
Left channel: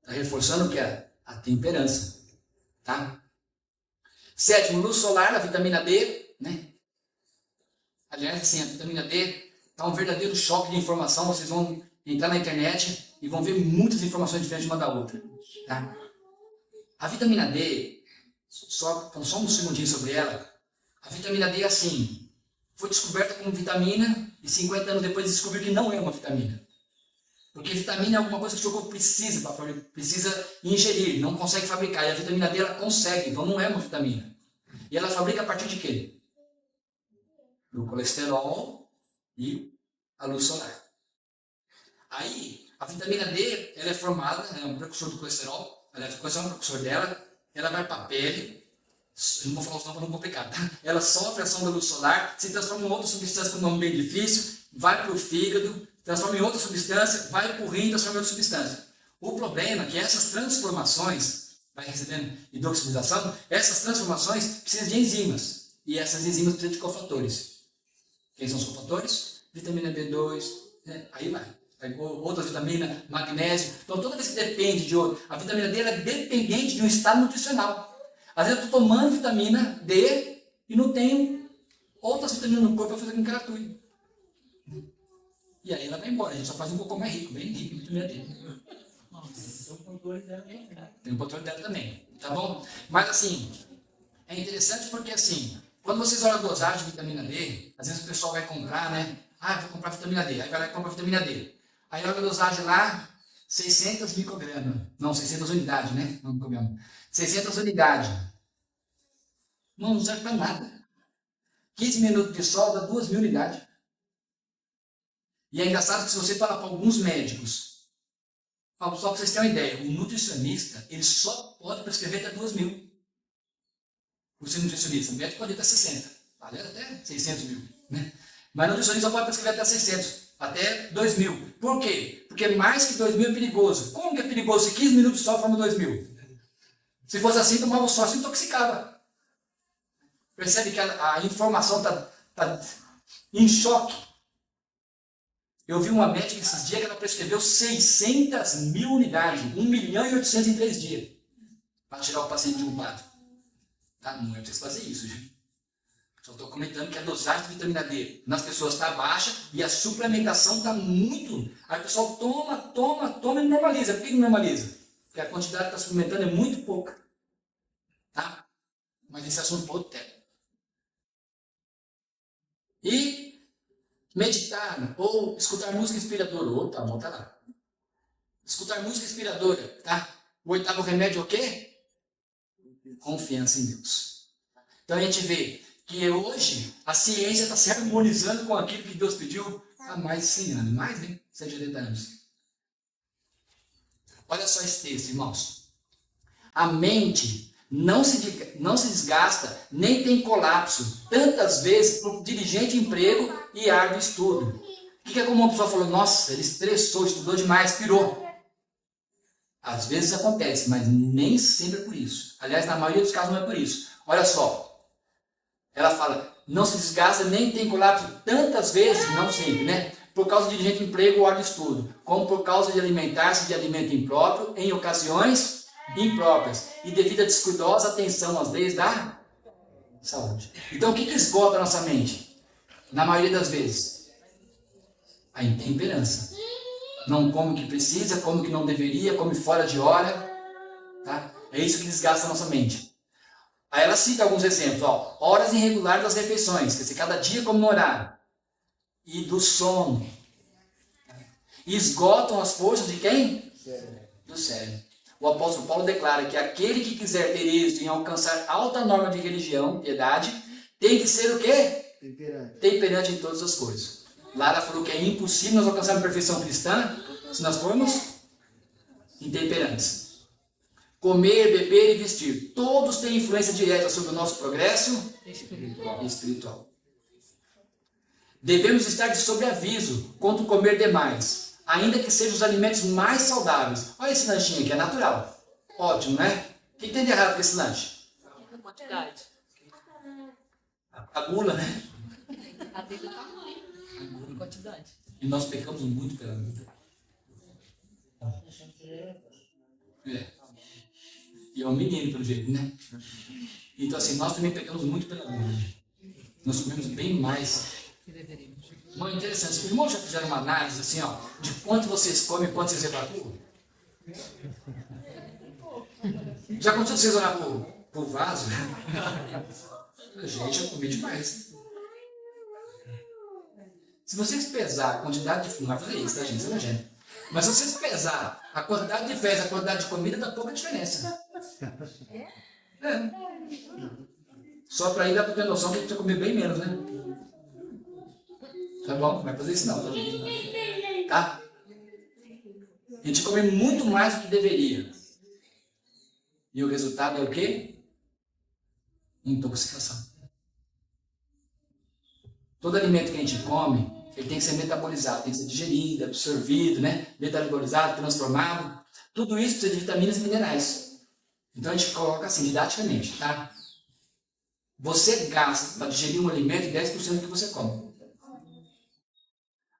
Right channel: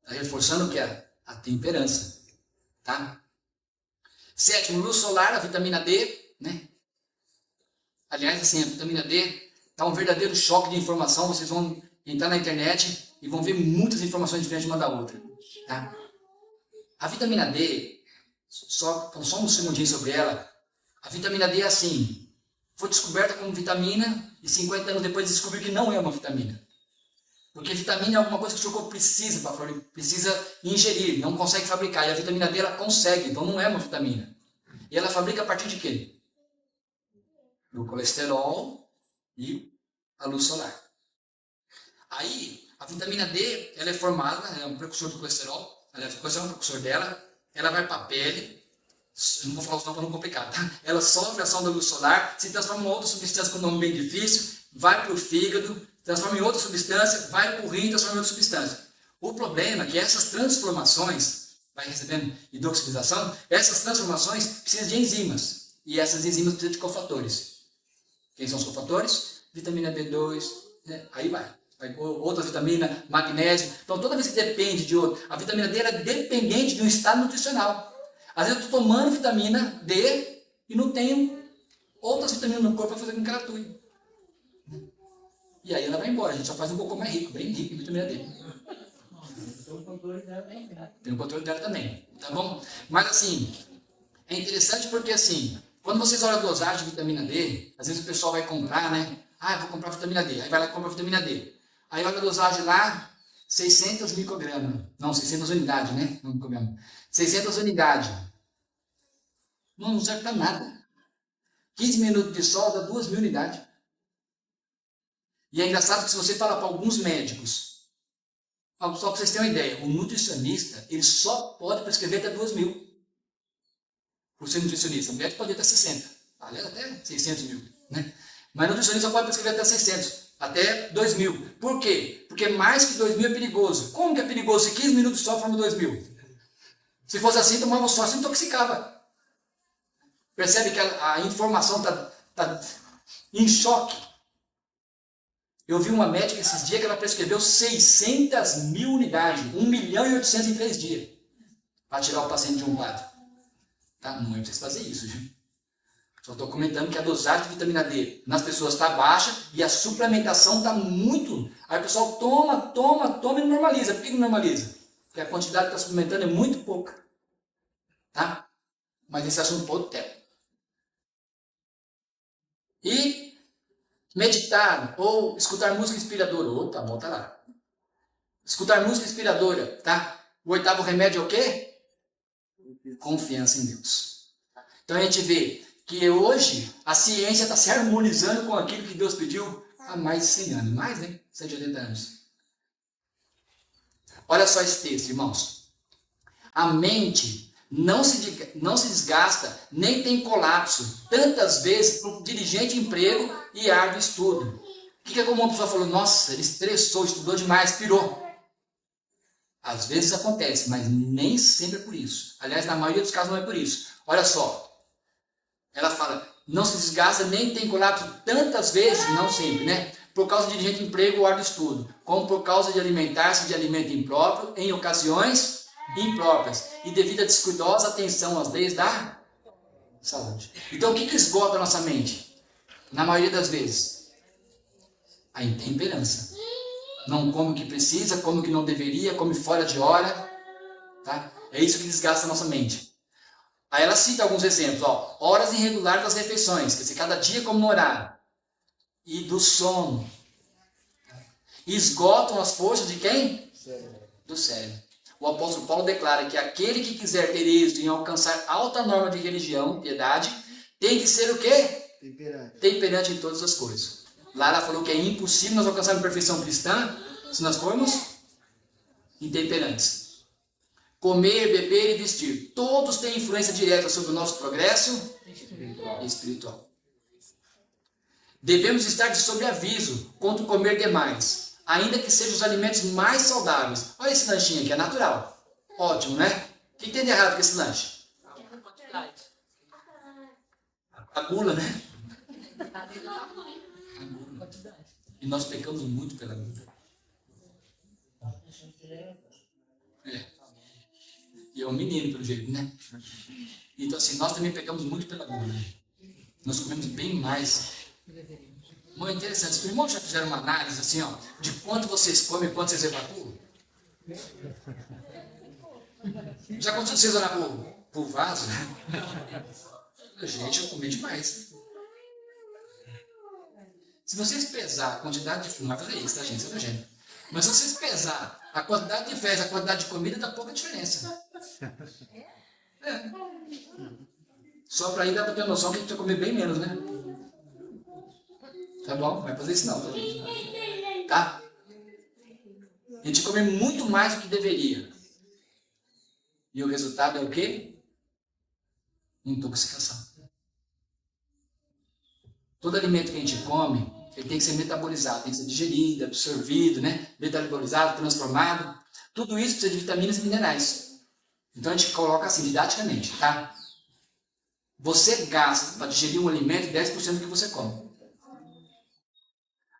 Está reforçando o que é? A temperança. Tá? Sétimo, luz solar, a vitamina D, né? Aliás, assim, a vitamina D está um verdadeiro choque de informação. Vocês vão entrar na internet e vão ver muitas informações diferentes uma da outra. Tá? A vitamina D, só um segundinho sobre ela. A vitamina D é assim, foi descoberta como vitamina e 50 anos depois descobriu que não é uma vitamina. Porque vitamina é alguma coisa que o corpo precisa ingerir, não consegue fabricar. E a vitamina D ela consegue, então não é uma vitamina. E ela fabrica a partir de quê? Do colesterol e a luz solar. Aí, a vitamina D, ela é formada, é um precursor do colesterol, aliás, o colesterol é um precursor dela, ela vai para a pele, eu não vou falar o nome para não complicar, tá? Ela sofre a ação da luz solar, se transforma em outra substância com um nome bem difícil, vai para o fígado, transforma em outra substância, vai para o rim, transforma em outra substância. O problema é que essas transformações, vai recebendo hidroxidação, essas transformações precisam de enzimas. E essas enzimas precisam de cofatores. Quem são os cofatores? Vitamina B2, né? Aí vai outras vitaminas, magnésio. Então toda vez que depende de outro, a vitamina D é dependente de um estado nutricional. Às vezes eu estou tomando vitamina D e não tenho outras vitaminas no corpo para fazer com que ela atue. E aí ela vai embora, a gente só faz um pouco mais rico, bem rico em vitamina D. Tem o controle dela também. Tem o controle dela também, tá bom? Mas assim, é interessante porque assim, quando vocês olham a dosagem de vitamina D, às vezes o pessoal vai comprar, né? Ah, vou comprar vitamina D. Aí vai lá e compra vitamina D. Aí olha a dosagem lá, 600 microgramas. Não, 600 unidades, né? Não microgramas. 600 unidades. Não serve para nada. 15 minutos de sol dá 2.000 unidades. E é engraçado que se você fala para alguns médicos, só para vocês terem uma ideia, o nutricionista, ele só pode prescrever até 2.000. Por ser nutricionista. O médico pode ir até 60. Aliás, até 600 mil. Né? Mas o nutricionista só pode prescrever até 600. Até 2.000. Por quê? Porque mais que 2.000 é perigoso. Como que é perigoso? Se 15 minutos só forma 2.000. Se fosse assim, tomava só, se intoxicava. Percebe que a informação está em choque. Eu vi uma médica esses dias que ela prescreveu 600.000 unidades. 1.800.000 em 3 dias. Para tirar o paciente de um quadro. Tá? Não é pra vocês fazerem isso, gente. Só estou comentando que a dosagem de vitamina D nas pessoas está baixa e a suplementação está muito. Aí o pessoal toma e normaliza. Por que normaliza? Porque a quantidade que está suplementando é muito pouca. Tá? Mas esse assunto para outro tempo. E meditar ou escutar música inspiradora. Opa, volta lá. Escutar música inspiradora, tá? O 8º remédio é o quê? Confiança em Deus. Então a gente vê que hoje a ciência está se harmonizando com aquilo que Deus pediu há mais de 100 anos, mais, né? 180 anos. Olha só esse texto, irmãos. A mente não se desgasta, nem tem colapso, tantas vezes por diligente emprego e árduo estudo. O que é como uma pessoa falou, nossa, ele estressou, estudou demais, pirou. Às vezes acontece, mas nem sempre é por isso. Aliás, na maioria dos casos não é por isso. Olha só. Ela fala, não se desgasta, nem tem colapso tantas vezes, não sempre, né? Por causa de diligente emprego ou árduo estudo, como por causa de alimentar-se de alimento impróprio, em ocasiões impróprias, e devido à descuidosa atenção às leis da saúde. Então, o que esgota a nossa mente? Na maioria das vezes, a intemperança. Não come o que precisa, come o que não deveria, come fora de hora. Tá? É isso que desgasta a nossa mente. Aí ela cita alguns exemplos. Ó, horas irregulares das refeições, quer dizer, cada dia como no horário. E do sono. E esgotam as forças de quem? Do cérebro. O apóstolo Paulo declara que aquele que quiser ter êxito em alcançar alta norma de religião, piedade, tem que ser o quê? Temperante em todas as coisas. Lá ela falou que é impossível nós alcançarmos a perfeição cristã se nós formos intemperantes. Comer, beber e vestir. Todos têm influência direta sobre o nosso progresso espiritual. Devemos estar de sobreaviso quanto comer demais, ainda que sejam os alimentos mais saudáveis. Olha esse lanchinho aqui, é natural. Ótimo, né? O que tem de errado com esse lanche? A gula, né? E nós pecamos muito pela gula. É. E é um menino, pelo jeito, né? Então, assim, nós também pecamos muito pela gula. Nós comemos bem mais. Não é interessante. Os irmãos já fizeram uma análise, assim, ó, de quanto vocês comem e quanto vocês evacuam? Já aconteceu vocês olhar pro vaso? Gente, eu comi demais. Se vocês pesar a quantidade de fumo, vai fazer isso, tá, gente? Isso é nojento. Mas se vocês pesar a quantidade de fezes, a quantidade de comida, dá pouca diferença. É. Só para aí dá para ter noção que a gente vai comer bem menos, né? Tá bom? Não vai fazer isso não, tá? A gente come muito mais do que deveria. E o resultado é o quê? Intoxicação. Todo alimento que a gente come, ele tem que ser metabolizado, tem que ser digerido, absorvido, né? Metabolizado, transformado. Tudo isso precisa de vitaminas e minerais. Então a gente coloca assim, didaticamente, tá? Você gasta para digerir um alimento 10% do que você come.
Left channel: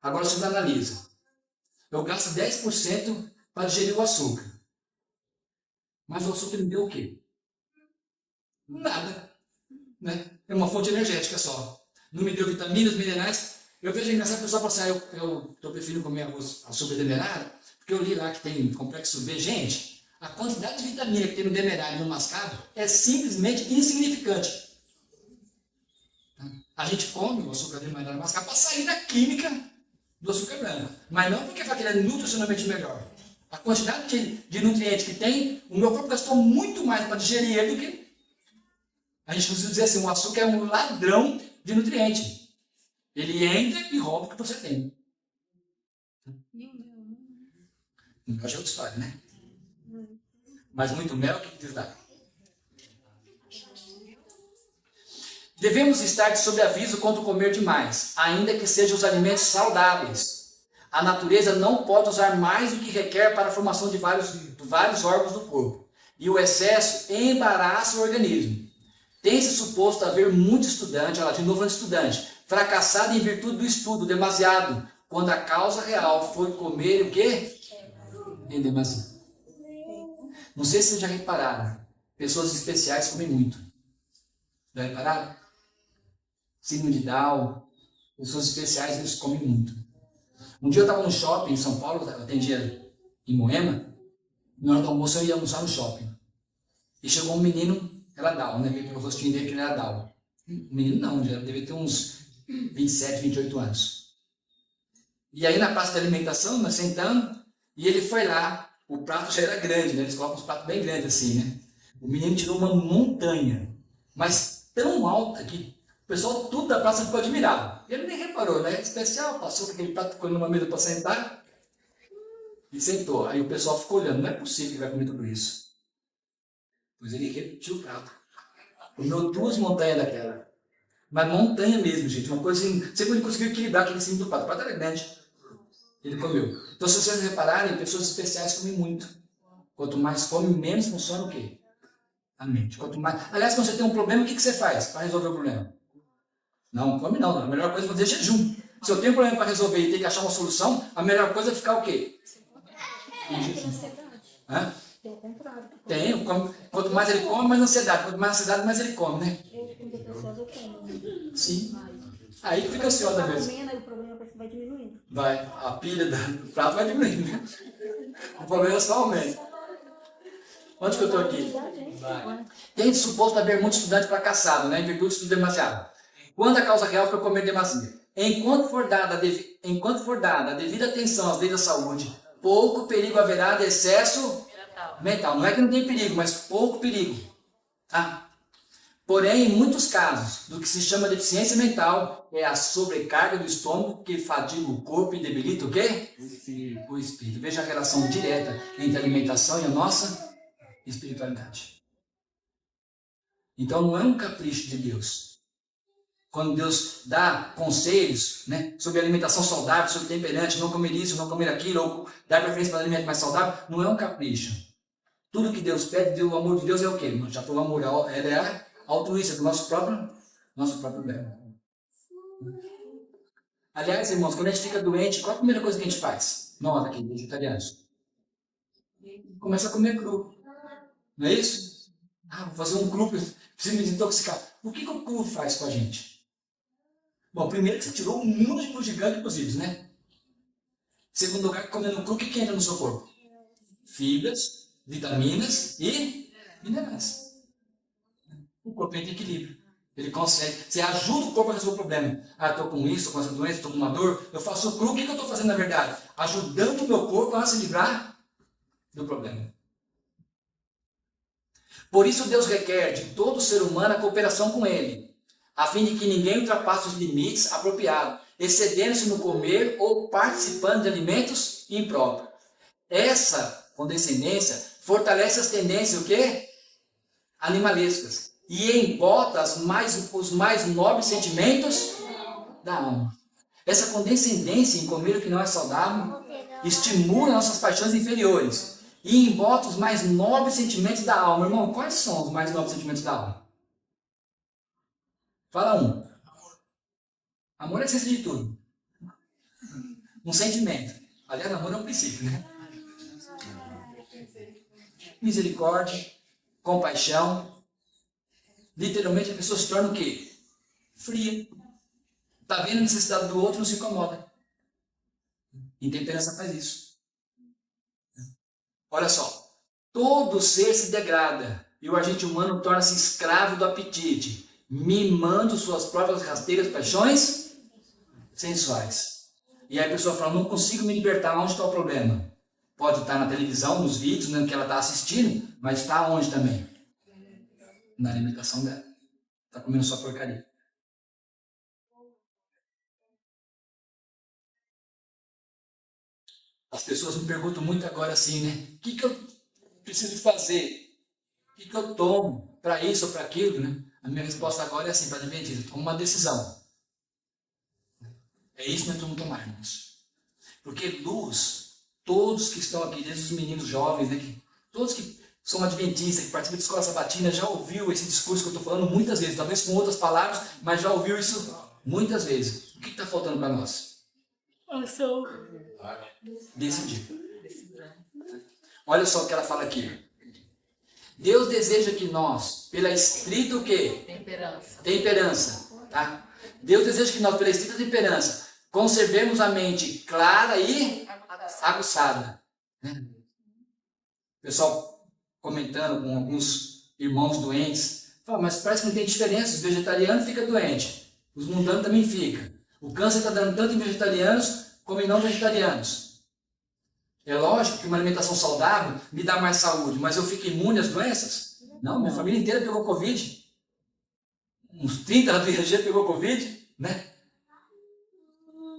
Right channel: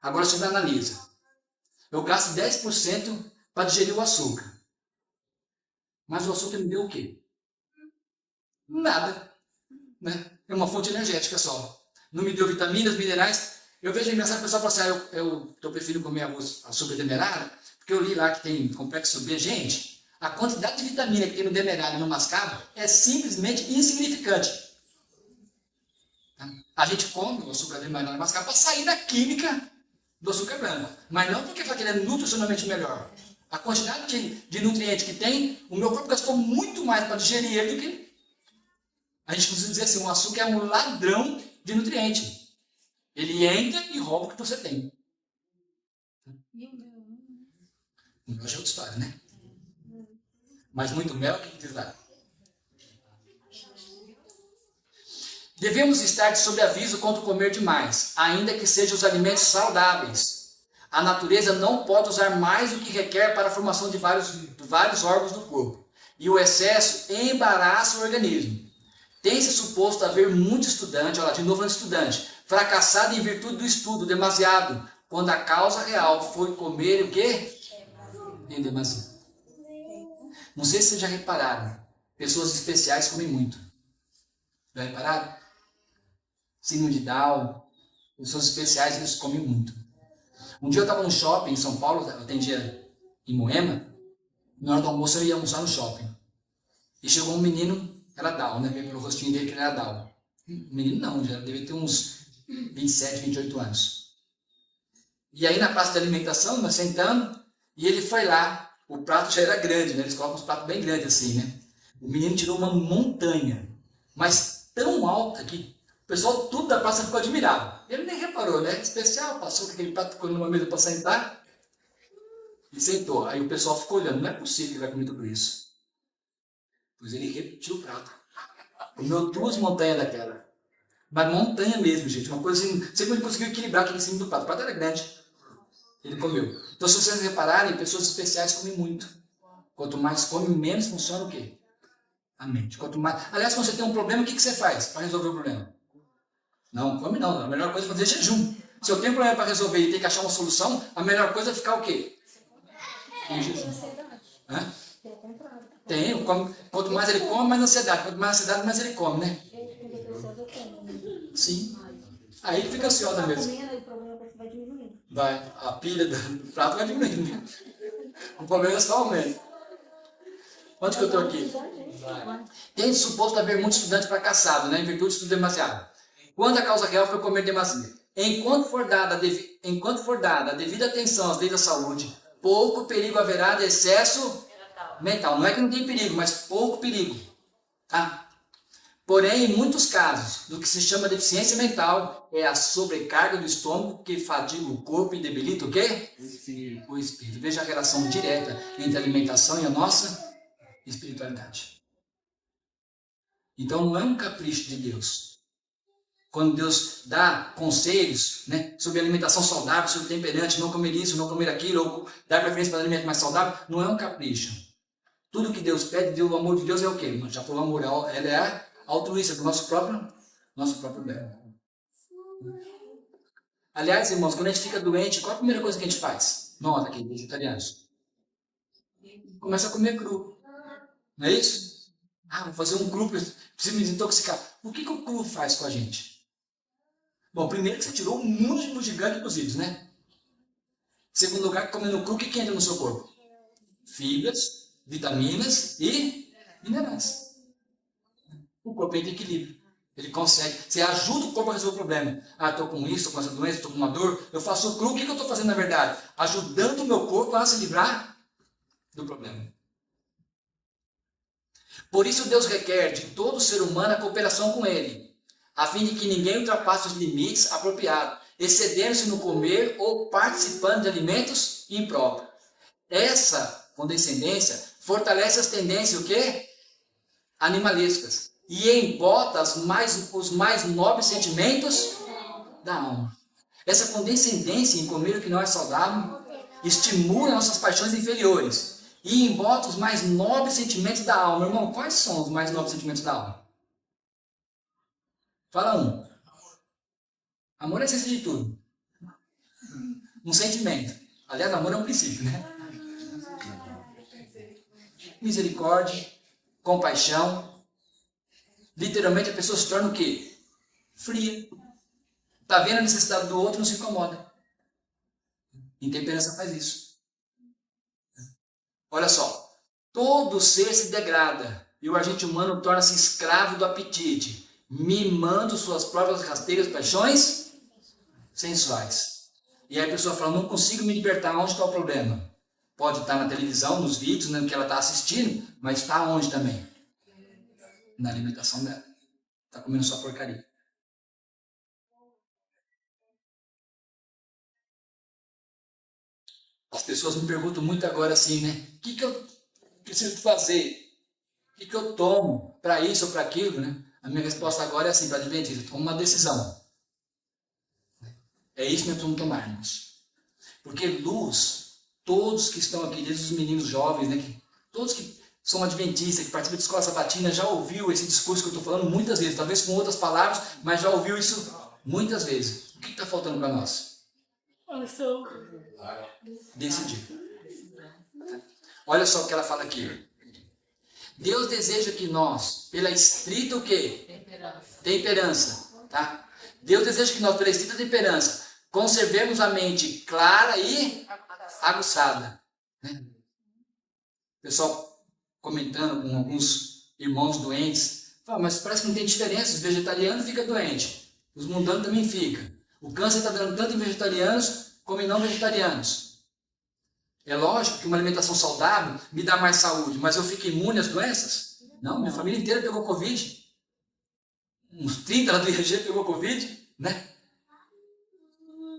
Agora você analisa. Eu gasto 10% para digerir o açúcar. Mas o açúcar me deu o quê? Nada. Né? É uma fonte energética só. Não me deu vitaminas, minerais. Eu vejo engraçado o pessoal falar assim, eu prefiro comer açúcar demerara, porque eu li lá que tem complexo B. Gente, a quantidade de vitamina que tem no demerara e no mascavo é simplesmente insignificante. A gente come o açúcar demerara e mascavo para sair da química do açúcar branco. Mas não porque ele é nutricionalmente melhor. A quantidade de nutrientes que tem, o meu corpo gastou muito mais para digerir ele do que... A gente precisa dizer assim, o açúcar é um ladrão de nutrientes. Ele entra e rouba o que você tem. Mel já é outra história, né? Mas muito mel, o que diz lá? Devemos estar sob aviso contra comer demais, ainda que sejam os alimentos saudáveis. A natureza não pode usar mais do que requer para a formação de vários órgãos do corpo. E o excesso embaraça o organismo. Tem-se suposto haver muito estudante, olha lá, de novo estudante, fracassado em virtude do estudo demasiado, quando a causa real foi comer o quê? Em demasia. Não sei se vocês já repararam, pessoas especiais comem muito. Já repararam? Síndrome de Down, pessoas especiais, eles comem muito. Um dia eu estava no shopping em São Paulo, eu atendia em Moema, na hora do almoço eu ia almoçar no shopping. E chegou um menino, era Down, né? Veio pelo rostinho dele que ele era Down. Menino não, já devia ter uns 27, 28 anos. E aí na praça de alimentação, nós sentamos, e ele foi lá, o prato já era grande, né? Eles colocam uns pratos bem grandes assim, né? O menino tirou uma montanha, mas tão alta que o pessoal tudo da praça ficou admirado. Ele nem reparou, né? Especial, passou com aquele prato, ficou numa mesa para sentar e sentou. Aí o pessoal ficou olhando, não é possível que ele vai comer tudo isso. Pois ele repetiu o prato. Comeu 2 montanhas daquela. Mas montanha mesmo, gente. Uma coisa assim, você não conseguiu equilibrar aquele em cima do prato. O prato era grande. Ele comeu. Então, se vocês repararem, pessoas especiais comem muito. Quanto mais come, menos funciona o quê? A mente. Quanto mais... Aliás, quando você tem um problema, o que você faz para resolver o problema? Não, come não. A melhor coisa é fazer jejum. Se eu tenho um problema para resolver e tenho que achar uma solução, a melhor coisa é ficar o quê? Em jejum. Hã? Tem. Quanto mais ele come, mais ansiedade. Quanto mais ansiedade, mais ele come, né? Sim. Aí fica ansiosa mesmo. O problema vai diminuindo. Vai. A pilha do prato vai diminuindo. O problema é só aumenta. Onde que eu estou aqui? Tem de suposto haver muito estudante fracassado, né? Em virtude de estudar demasiado. Quando a causa real foi comer demasiado. Enquanto for dada a devida atenção às leis da saúde, pouco perigo haverá de excesso mental. Não é que não tem perigo, mas pouco perigo. Tá? Porém, em muitos casos, do que se chama deficiência mental, é a sobrecarga do estômago que fadiga o corpo e debilita o quê? O espírito. Veja a relação direta entre a alimentação e a nossa espiritualidade. Então, não é um capricho de Deus. Quando Deus dá conselhos, né, sobre alimentação saudável, sobre temperante, não comer isso, não comer aquilo, ou dar preferência para alimento mais saudável, não é um capricho. Tudo que Deus pede, o amor de Deus é o quê? Já falou, o amor, ela é a altruísta do nosso próprio bem. Aliás, irmãos, quando a gente fica doente, qual a primeira coisa que a gente faz? Nós aqui, vegetarianos. Começa a comer cru. Não é isso? Ah, vou fazer um cru, preciso me desintoxicar. O que o cru faz com a gente? Bom, primeiro que você tirou um músculo gigante dos ídolos, né? Segundo lugar, comendo cru, o que entra no seu corpo? Fibras, vitaminas e minerais. O corpo entra em equilíbrio. Ele consegue. Você ajuda o corpo a resolver o problema. Ah, estou com isso, estou com essa doença, estou com uma dor. Eu faço o cru, o que eu estou fazendo na verdade? Ajudando o meu corpo a se livrar do problema. Por isso Deus requer de todo ser humano a cooperação com Ele, a fim de que ninguém ultrapasse os limites apropriados, excedendo-se no comer ou participando de alimentos impróprios. Essa condescendência fortalece as tendências o quê? Animalescas e embota os mais nobres sentimentos da alma. Essa condescendência em comer o que não é saudável estimula nossas paixões inferiores e embota os mais nobres sentimentos da alma. Irmão, quais são os mais nobres sentimentos da alma? Fala um. Amor é a essência de tudo. Um sentimento. Aliás, amor é um princípio, né? Misericórdia, compaixão. Literalmente a pessoa se torna o quê? Fria. Está vendo a necessidade do outro, não se incomoda. Intemperança faz isso. Olha só. Todo ser se degrada e o agente humano torna-se escravo do apetite, mimando suas próprias rasteiras paixões sensuais. E aí a pessoa fala, não consigo me libertar, onde está o problema? Pode estar na televisão, nos vídeos, no que ela está assistindo, mas está onde também? Na alimentação dela. Está comendo só porcaria. As pessoas me perguntam muito agora assim, né? O que eu preciso fazer? O que eu tomo para isso ou para aquilo, né? A minha resposta agora é assim, para Adventista, toma uma decisão. É isso que nós vamos tomar, irmãos. Porque luz, todos que estão aqui, desde os meninos jovens, né? Todos que são adventistas, que participam de escola sabatina, já ouviu esse discurso que eu estou falando muitas vezes, talvez com outras palavras, mas já ouviu isso muitas vezes. O que está faltando para nós? Decidir. Olha só o que ela fala aqui. Deus deseja que nós, pela estrita o quê? Temperança. Tá? Deus deseja que nós, pela estrita temperança, conservemos a mente clara e aguçada. Né? Pessoal comentando com alguns irmãos doentes, fala, mas parece que não tem diferença, os vegetarianos ficam doentes, os mundanos também ficam. O câncer está dando tanto em vegetarianos como em não vegetarianos. É lógico que uma alimentação saudável me dá mais saúde, mas eu fico imune às doenças? Não, minha família inteira pegou Covid. Uns 30 do IAG pegou Covid, né?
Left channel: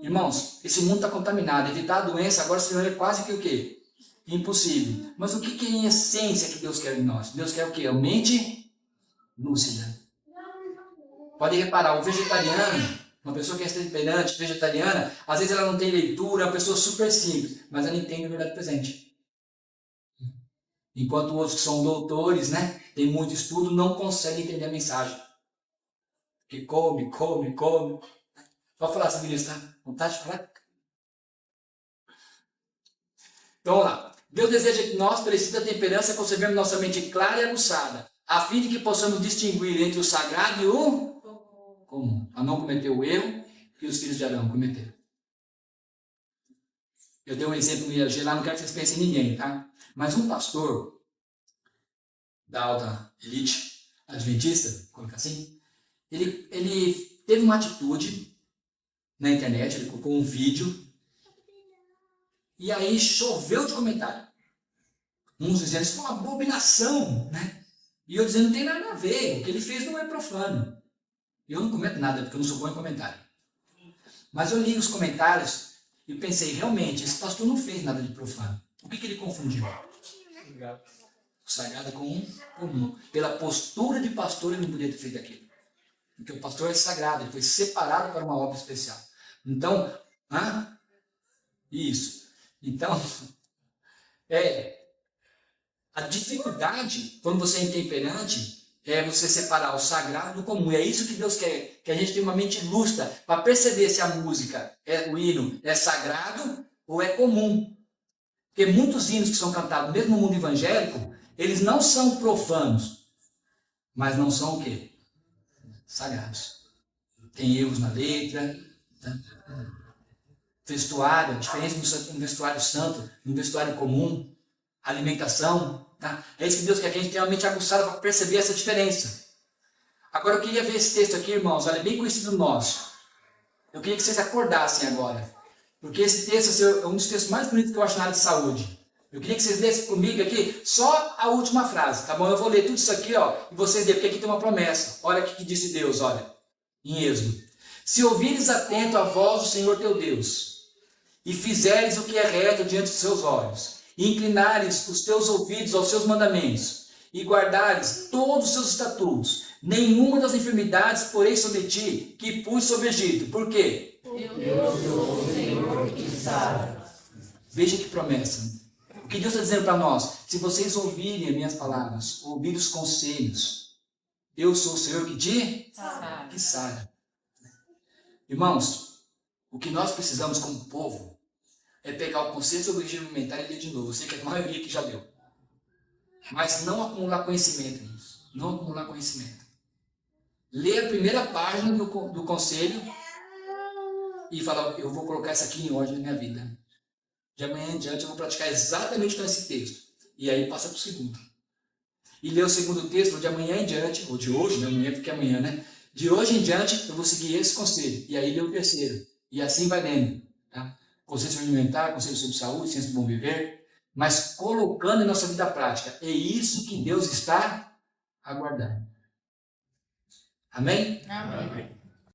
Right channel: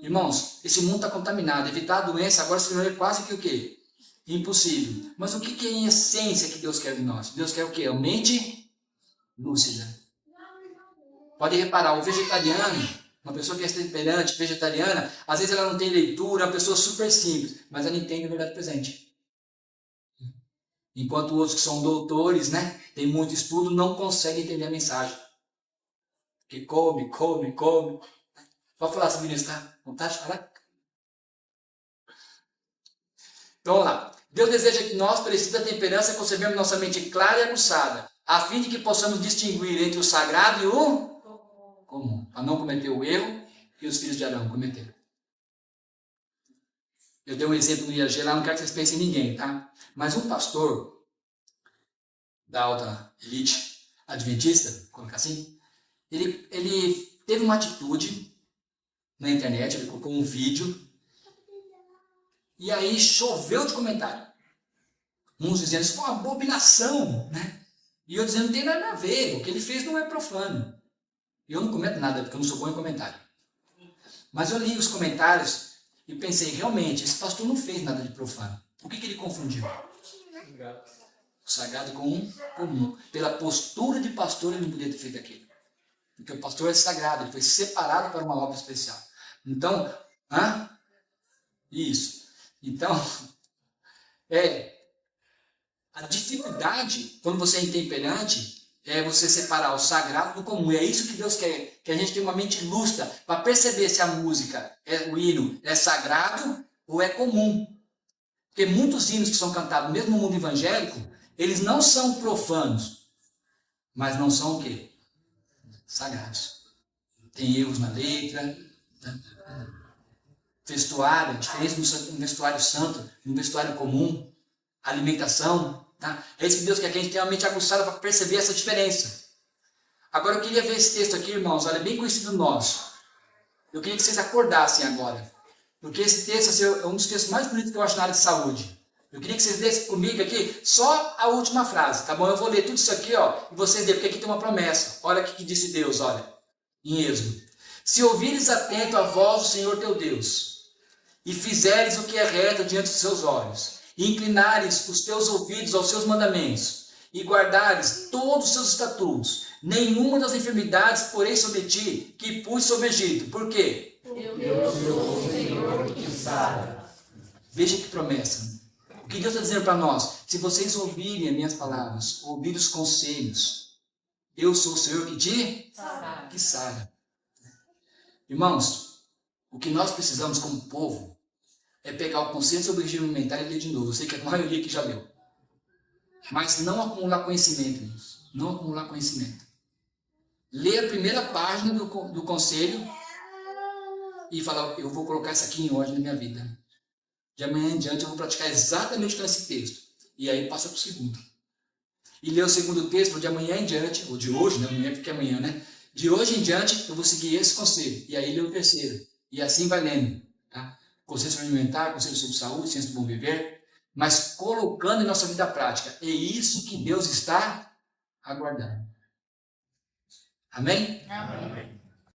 Irmãos, esse mundo está contaminado. Evitar a doença agora se tornou quase que o quê? Impossível. Mas o que é em essência que Deus quer de nós? Deus quer o quê? A mente lúcida. Pode reparar, o vegetariano, uma pessoa que é temperante, vegetariana, às vezes ela não tem leitura, é uma pessoa super simples, mas ela entende a verdade presente. Enquanto outros que são doutores, né, tem muito estudo, não conseguem entender a mensagem. Porque come. Pode falar sobre isso, tá? Vontade de falar? Então, vamos lá. Deus deseja que nós, pelo espírito da temperança, concebemos nossa mente clara e aguçada, a fim de que possamos distinguir entre o sagrado e o comum, para não cometer o erro que os filhos de Arão cometeram. Eu dei um exemplo no IAG lá, não quero que vocês pensem em ninguém, tá? Mas um pastor da alta elite adventista, vou colocar assim, ele teve uma atitude na internet, ele colocou um vídeo, e aí choveu de comentário. Uns dizendo, isso foi uma abominação, né? E eu dizendo, não tem nada a ver, o que ele fez não é profano. Eu não comento nada, porque eu não sou bom em comentário. Mas eu li os comentários e pensei, realmente, esse pastor não fez nada de profano. O que ele confundiu? O sagrado com o comum. Pela postura de pastor, ele não podia ter feito aquilo. Porque o pastor é sagrado, ele foi separado para uma obra especial. Então, isso. Então, a dificuldade, quando você é intemperante, é você separar o sagrado do comum. E é isso que Deus quer, que a gente tenha uma mente lúcida para perceber se a música, o hino, é sagrado ou é comum. Porque muitos hinos que são cantados, mesmo no mundo evangélico, eles não são profanos, mas não são o quê? Sagrados. Tem erros na letra, vestuário, a diferença de um vestuário santo e um vestuário comum, alimentação, tá? É isso que Deus quer, que a gente tenha uma mente aguçada para perceber essa diferença. Agora eu queria ver esse texto aqui, irmãos, olha, bem conhecido nosso. Eu queria que vocês acordassem agora, porque esse texto assim, é um dos textos mais bonitos que eu acho na área de saúde. Eu queria que vocês lessem comigo aqui só a última frase, tá bom? Eu vou ler tudo isso aqui, ó, e vocês lerem, porque aqui tem uma promessa. Olha o que disse Deus, olha, em Êxodo. Se ouvires atento a voz do Senhor teu Deus, e fizeres o que é reto diante dos seus olhos, e inclinares os teus ouvidos aos seus mandamentos, e guardares todos os seus estatutos, nenhuma das enfermidades porém sobre ti, que pus sobre o Egito. Por quê? Eu sou o Senhor que sara. Veja que promessa. O que Deus está dizendo para nós? Se vocês ouvirem as minhas palavras, ouvirem os conselhos, eu sou o Senhor que sara. Irmãos, o que nós precisamos como povo é pegar o conceito sobre o regime alimentar e ler de novo. Eu sei que a maioria aqui já leu. Mas não acumular conhecimento, irmãos. Não acumular conhecimento. Lê a primeira página do conselho e fala, eu vou colocar isso aqui em ordem na minha vida. De amanhã em diante eu vou praticar exatamente com esse texto. E aí passa para o segundo. E lê o segundo texto, de amanhã em diante, ou de hoje, né? Amanhã porque é amanhã, né? De hoje em diante eu vou seguir esse conselho. E aí lê o terceiro. E assim vai lendo. Tá? Conselho sobre alimentar, conselho sobre saúde, ciência do bom viver. Mas colocando em nossa vida prática. É isso que Deus está aguardando. Amém? Amém.